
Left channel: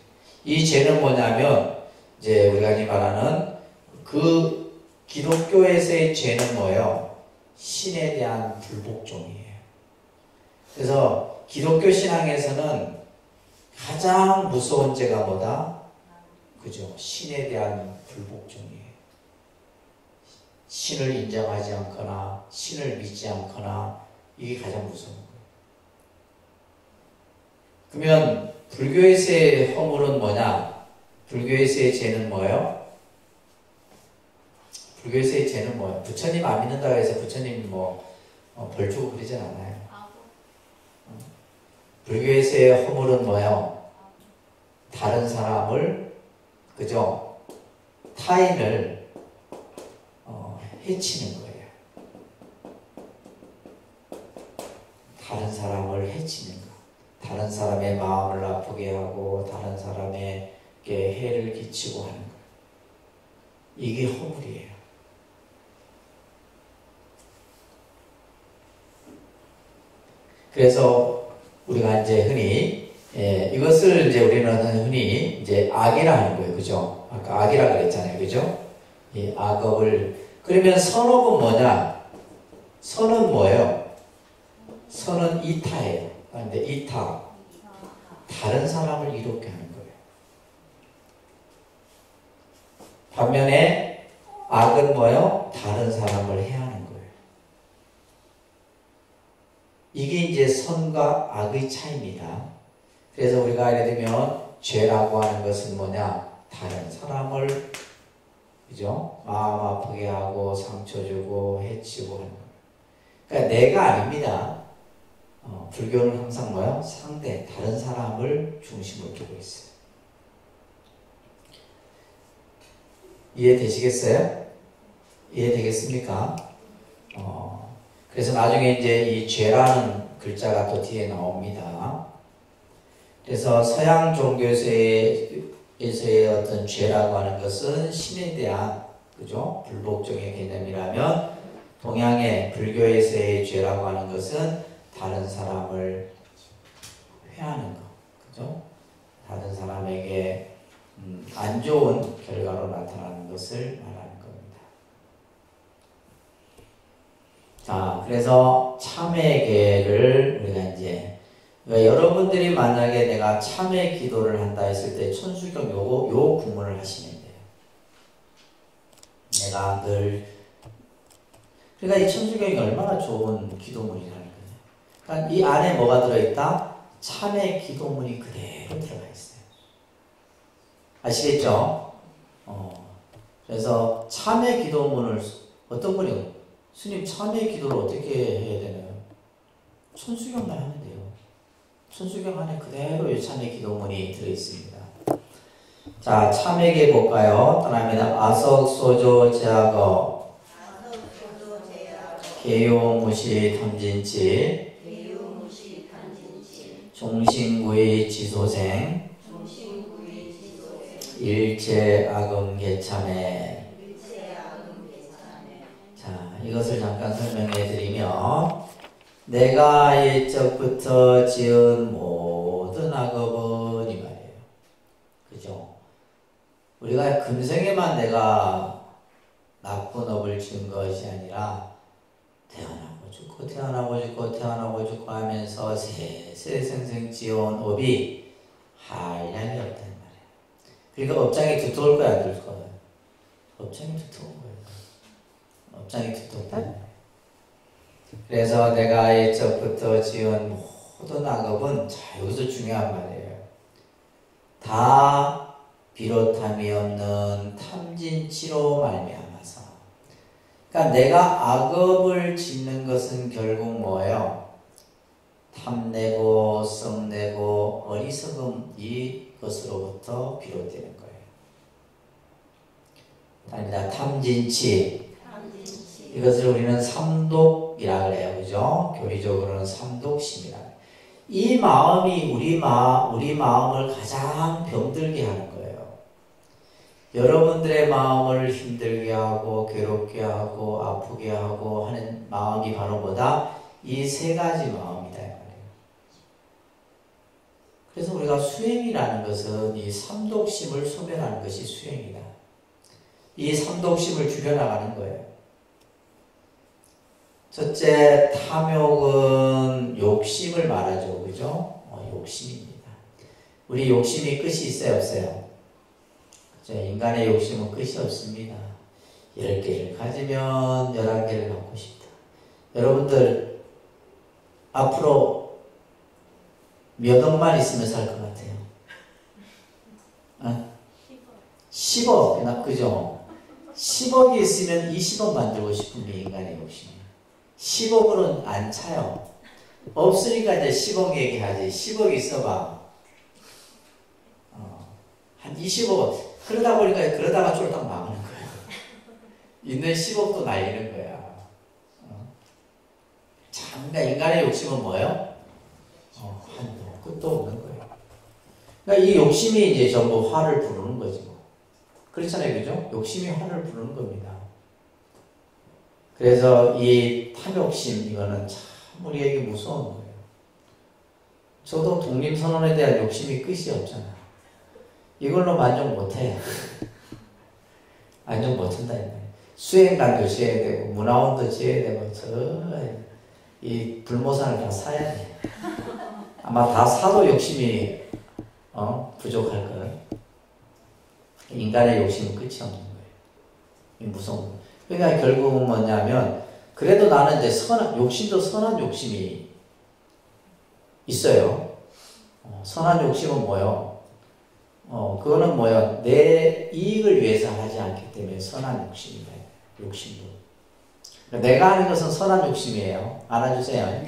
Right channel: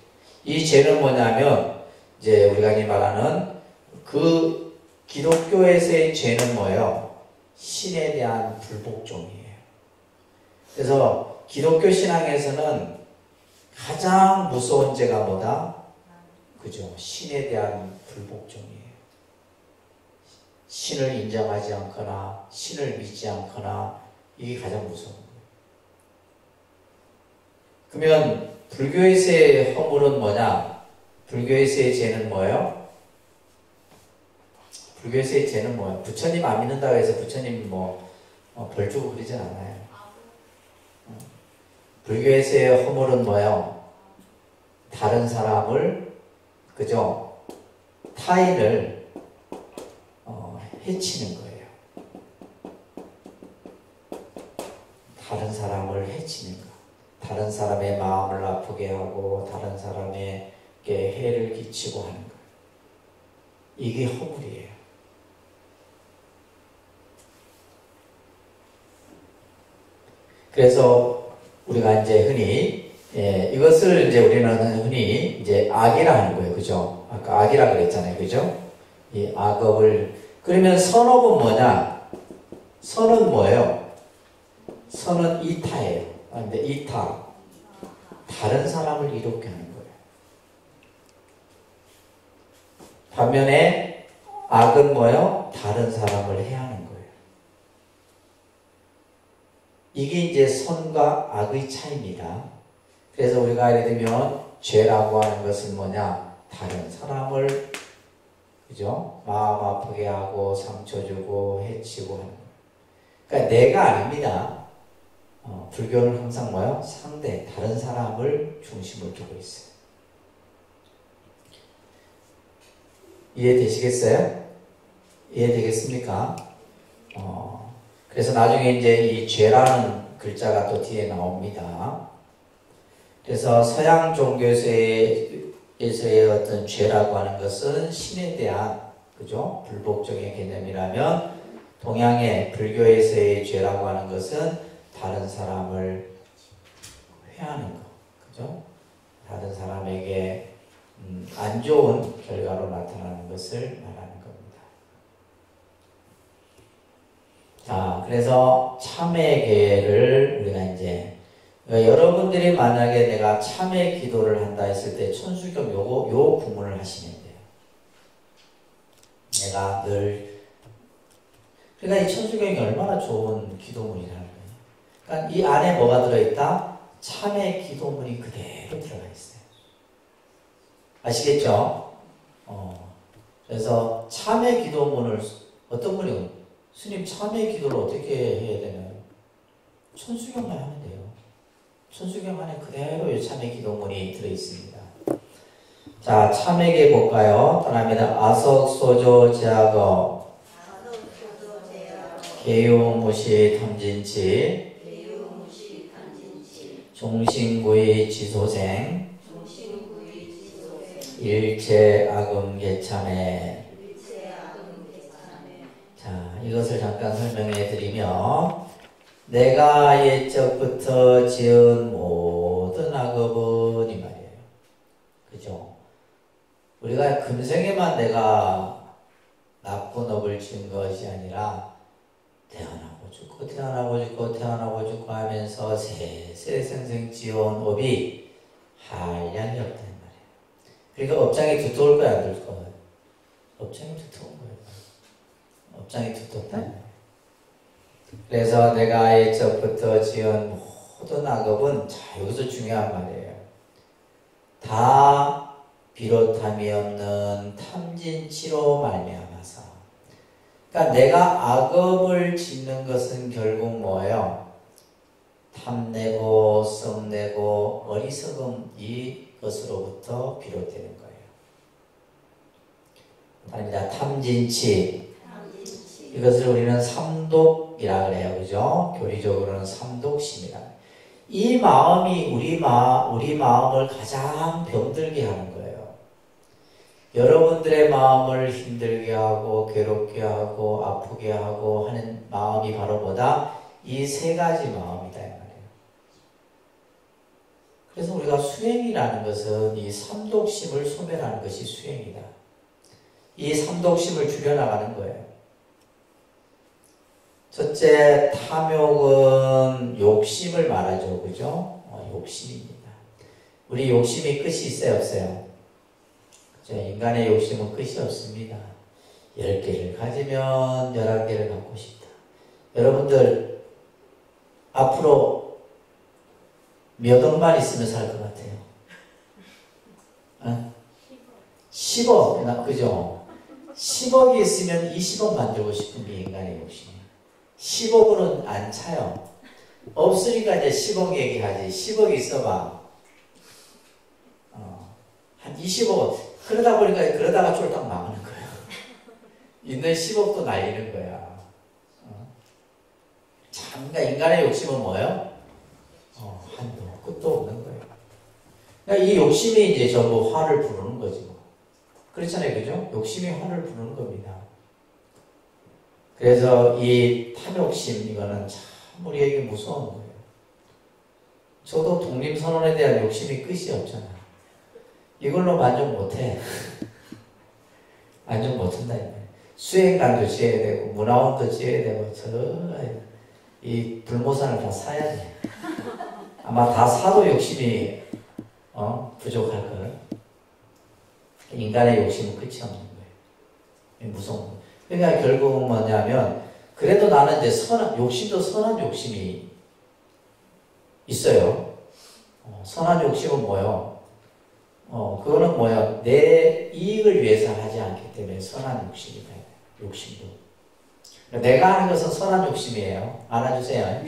이 죄는 뭐냐면 이제 우리가 이 말하는 그 기독교에서의 죄는 뭐예요? 신에 대한 불복종이에요. 그래서 기독교 신앙에서는 가장 무서운 죄가 뭐다? 그죠? 신에 대한 불복종이에요. 신을 인정하지 않거나 신을 믿지 않거나 이게 가장 무서운 거예요. 그러면 불교에서의 허물은 뭐냐? 불교에서의 죄는 뭐예요? 불교에서의 죄는 뭐예요? 부처님 안 믿는다고 해서 부처님 벌 주고 그러진 않아요. 불교에서의 허물은 뭐예요? 다른 사람을 그죠? 타인을 해치는 거예요. 다른 사람을 해치는 거. 다른 사람의 마음을 아프게 하고 다른 사람에게 해를 끼치고 하는 거예요. 이게 허물이에요. 그래서 우리가 이제 흔히 이것을 이제 우리는 흔히 이제 악이라 하는 거예요. 그죠? 아까 악이라 그랬잖아요. 그죠? 이 악업을 그러면 선업은 뭐냐? 선은 뭐예요? 선은 이타예요. 근데 이타 다른 사람을 이롭게 하는 거예요. 반면에 악은 뭐예요? 다른 사람을 해하는 거예요. 이게 이제 선과 악의 차이입니다. 그래서 우리가 예를 들면 죄라고 하는 것은 뭐냐? 다른 사람을 그죠? 마음 아프게 하고 상처 주고 해치고 하는 거예요. 그러니까 내가 아닙니다. 불교는 항상 뭐예요? 상대, 다른 사람을 중심으로 두고 있어요. 이해되시겠어요? 이해되겠습니까? 그래서 나중에 이제 이 죄라는 글자가 또 뒤에 나옵니다. 그래서 서양 종교에서의 어떤 죄라고 하는 것은 신에 대한 그죠? 불복종의 개념이라면 동양의 불교에서의 죄라고 하는 것은 다른 사람을 회하는 것, 그죠? 다른 사람에게 안 좋은 결과로 나타나는 것을 말하는 겁니다. 자, 그래서 참회계를 우리가 이제 여러분들이 만약에 내가 참회 기도를 한다 했을 때 천수경 요 구문을 하시면 돼요. 내가 늘 그러니까 이 천수경이 얼마나 좋은 기도문이라는 거예요. 그러니까 이 안에 뭐가 들어있다? 참회 기도문이 그대로 들어가 있어요. 아시겠죠? 그래서 참회 기도문을 어떤 분이 스님 참회 기도를 어떻게 해야 되나요? 천수경만 하면 돼요. 천수경 안에 그대로 이 참회 기도문이 들어있습니다. 자, 참회계 볼까요? 따라합니다. 아석소조 제하거 개요무시 탐진치 종신구의 지소생 일체악음개참해. 자, 이것을 잠깐 설명해 드리면 내가 옛적부터 지은 모든 악업은 이 말이에요. 그죠? 우리가 금생에만 내가 나쁜 업을 지은 것이 아니라 태어나고 죽고 태어나고 죽고 태어나고 죽고 하면서 세세생생 지어온 업이 한량이 없단 말이에요. 그러니까 업장이 두터울 거야, 안 두터울 거야? 업장이 두터운 거예요. 업장이 두텁단 말이에요. 그래서 내가 옛적부터 지은 모든 악업은, 자, 여기서 중요한 말이에요. 다 비롯함이 없는 탐진치로 말미암아서. 그러니까 내가 악업을 짓는 것은 결국 뭐예요? 탐내고 썩내고 어리석음, 이것으로부터 비롯되는 거예요. 다릅니다. 탐진치. 이것을 우리는 삼독이라 그래요. 그죠? 교리적으로는 삼독심이라. 이 마음이 우리 마음을 가장 병들게 하는 거예요. 여러분들의 마음을 힘들게 하고 괴롭게 하고 아프게 하고 하는 마음이 바로 뭐다? 이 세 가지 마음이다 이 말이에요. 그래서 우리가 수행이라는 것은 이 삼독심을 소멸하는 것이 수행이다. 이 삼독심을 줄여나가는 거예요. 첫째, 탐욕은 욕심을 말하죠. 그죠? 욕심입니다. 우리 욕심이 끝이 있어요, 없어요? 인간의 욕심은 끝이 없습니다. 10개를 가지면 11개를 갖고 싶다. 여러분들 앞으로 몇 억만 있으면 살 것 같아요? 10억, 그죠? 10억이 있으면 20억 만들고 싶은 게 인간의 욕심이에요. 10억으로는 안 차요. 없으니까 이제 10억 얘기하지. 10억 있어봐. 한 20억. 그러다가 쫄딱 망하는 거야. 있는 10억도 날리는 거야. 그러니까 인간의 욕심은 뭐예요? 한도 끝도 없는 거예요. 그러니까 이 욕심이 이제 전부 화를 부르는 거지 뭐. 그렇잖아요, 그죠? 욕심이 화를 부르는 겁니다. 그래서 이 탐욕심, 이거는 참 우리에게 무서운 거예요. 저도 독립선언에 대한 욕심이 끝이 없잖아요. 이걸로 만족 못해. 만족 못한다. 수행관도 지어야 되고, 문화원도 지어야 되고, 이 불모산을 다 사야 돼. 아마 다 사도 욕심이, 부족할 거예요. 인간의 욕심은 끝이 없는 거예요. 무서운 거예요. 그러니까 결국은 뭐냐면, 그래도 나는 이제 욕심도 선한 욕심이 있어요. 선한 욕심은 뭐예요? 그거는 뭐야? 내 이익을 위해서 하지 않기 때문에 선한 욕심이다. 욕심도. 내가 하는 것은 선한 욕심이에요. 알아주세요.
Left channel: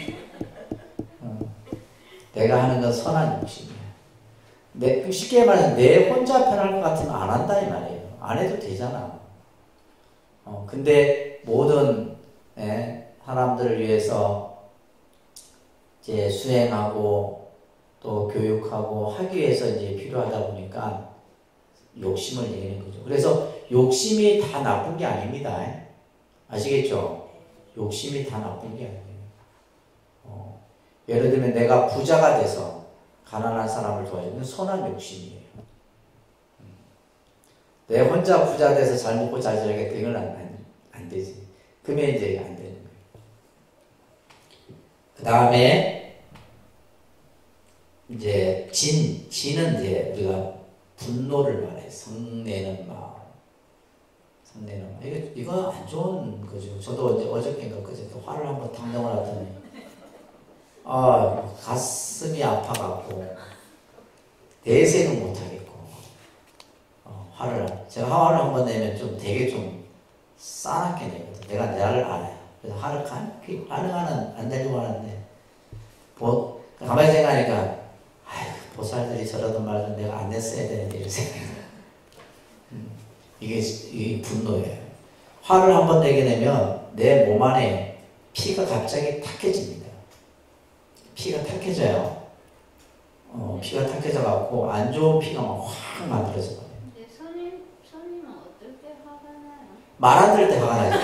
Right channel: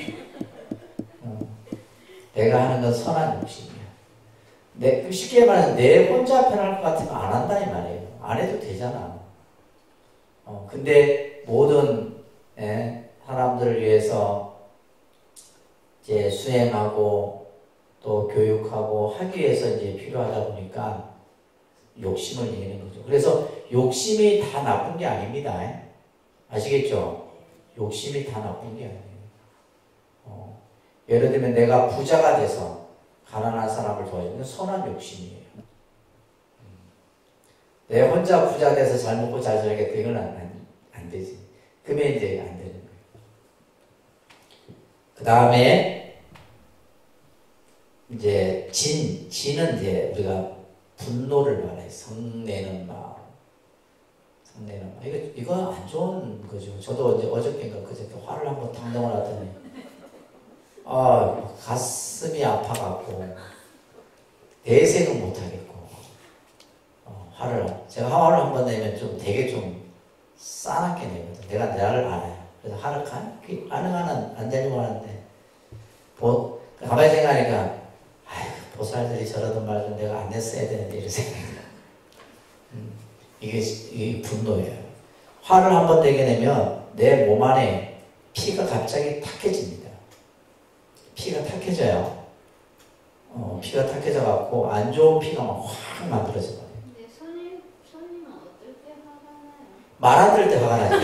내가 하는 건 선한 욕심이에요. 쉽게 말해서 내 혼자 편할 것 같으면 안 한다 이 말이에요. 안 해도 되잖아. 근데 모든 사람들을 위해서 이제 수행하고 또 교육하고 하기 위해서 이제 필요하다 보니까 욕심을 내는 거죠. 그래서 욕심이 다 나쁜 게 아닙니다. 아시겠죠? 욕심이 다 나쁜 게 아니에요. 예를 들면 내가 부자가 돼서 가난한 사람을 도와주는 선한 욕심이에요. 내 혼자 부자 돼서 잘 먹고 잘 살겠다. 이건 안 되지. 그러면 이제 안 되는 거예요. 그 다음에 이제 진은 이제 우리가 분노를 말해. 성내는 마음. 이거 안 좋은 거죠. 저도 이제 어저께인가 그저께 화를 한번 당정을 하더니 가슴이 아파갖고 대생은 못하겠고 제가 화를 한 번 내면 좀 되게 좀 싸납게 내거든. 내가 나를 알아요. 그래서 화를 가능한 안 내려고 하는데, 가만히 생각하니까, 아이고, 보살들이 저러던 말을 내가 안 냈어야 되는데, 이런 생각이 이게 분노예요. 화를 한 번 내게 되면 내 몸 안에 피가 갑자기 탁해집니다. 피가 탁해져요. 피가 탁해져갖고 안 좋은 피가 막 확 만들어져 버려요. 근데 손님은 어떨 때 화가 나요? 말 안 들을 때 화가 나죠.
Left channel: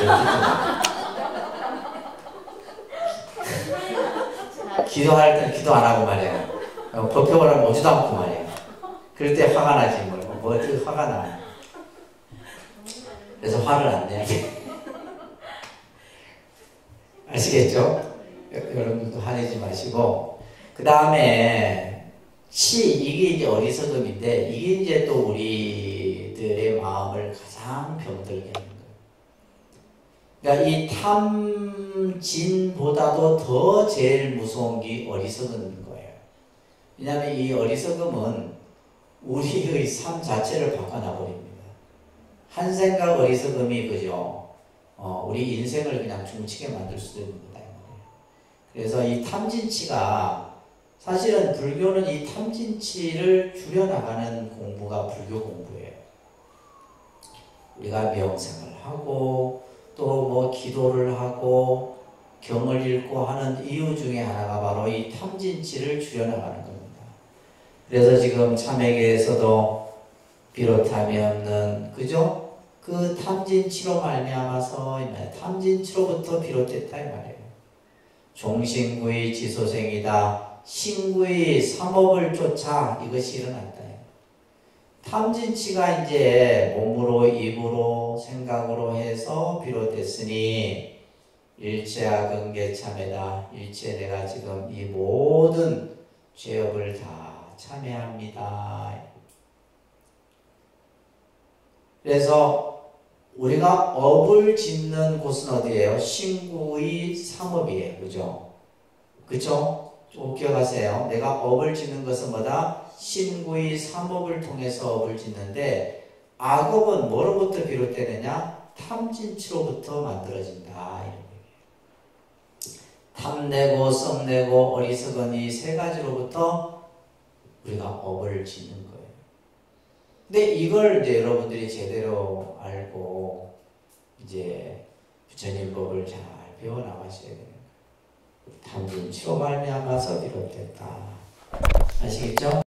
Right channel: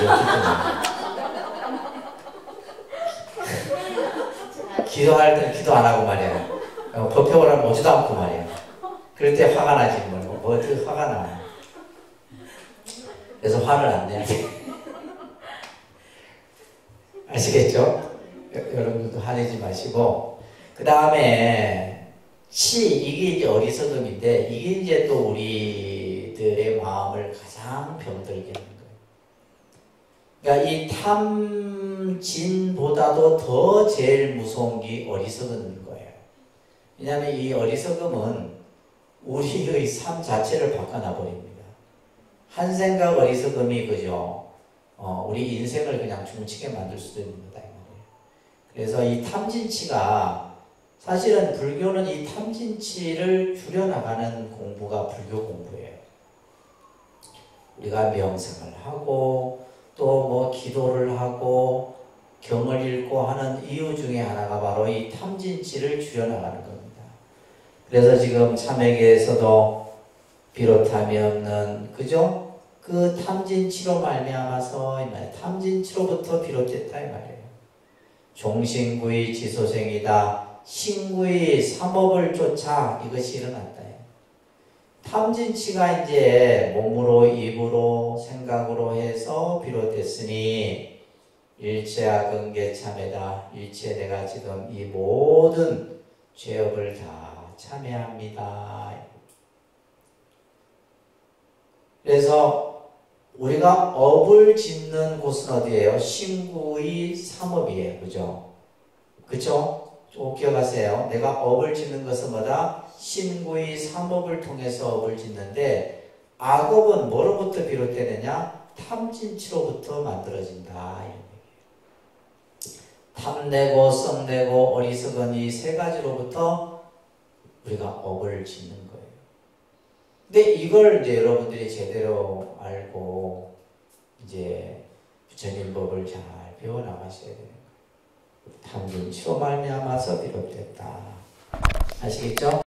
기도할 때 기도 안 하고 말이야. 법회를 하면 오지도 않고 말이야. 그럴 때 화가 나지 뭐 어떻게 화가 나. 그래서 화를 안 내야 돼. 아시겠죠? 여러분들도 화내지 마시고. 그 다음에 이게 이제 어리석음인데, 이게 이제 또 우리들의 마음을 가장 병들게 하는 거예요. 그러니까 이 탐진보다도 더 제일 무서운 게 어리석음인 거예요. 왜냐하면 이 어리석음은 우리의 삶 자체를 바꿔놔버립니다. 한 생각 어리석음이 그죠? 우리 인생을 그냥 중치게 만들 수도 있는 거다. 그래서 이 탐진치가, 사실은 불교는 이 탐진치를 줄여나가는 공부가 불교 공부예요. 우리가 명상을 하고 또 뭐 기도를 하고 경을 읽고 하는 이유 중에 하나가 바로 이 탐진치를 줄여나가는 겁니다. 그래서 지금 참회계에서도 비롯함이 그죠? 그 탐진치로 말미암아서 탐진치로부터 비롯됐다 이 말이에요. 종신구의 지소생이다. 신구의 삼업을 쫓아 이것이 일어났다. 탐진치가 이제 몸으로 입으로 생각으로 해서 비롯됐으니 일체악은계 참회다. 일체 내가 지금 이 모든 죄업을 다 참회합니다. 그래서 우리가 업을 짓는 곳은 어디예요? 신구의 삼업이에요. 그죠? 그쵸? 꼭 기억하세요. 내가 업을 짓는 것은 뭐다? 신구의 삼업을 통해서 업을 짓는데, 악업은 뭐로부터 비롯되느냐? 탐진치로부터 만들어진다. 탐내고 썩내고 어리석은 이 세 가지로부터 우리가 업을 짓는 거예요. 근데 이걸 이제 여러분들이 제대로 알고 이제 부처님법을 잘 배워나가셔야 돼요. 탐진치로 말미암아서 비롯됐다. 아시겠죠?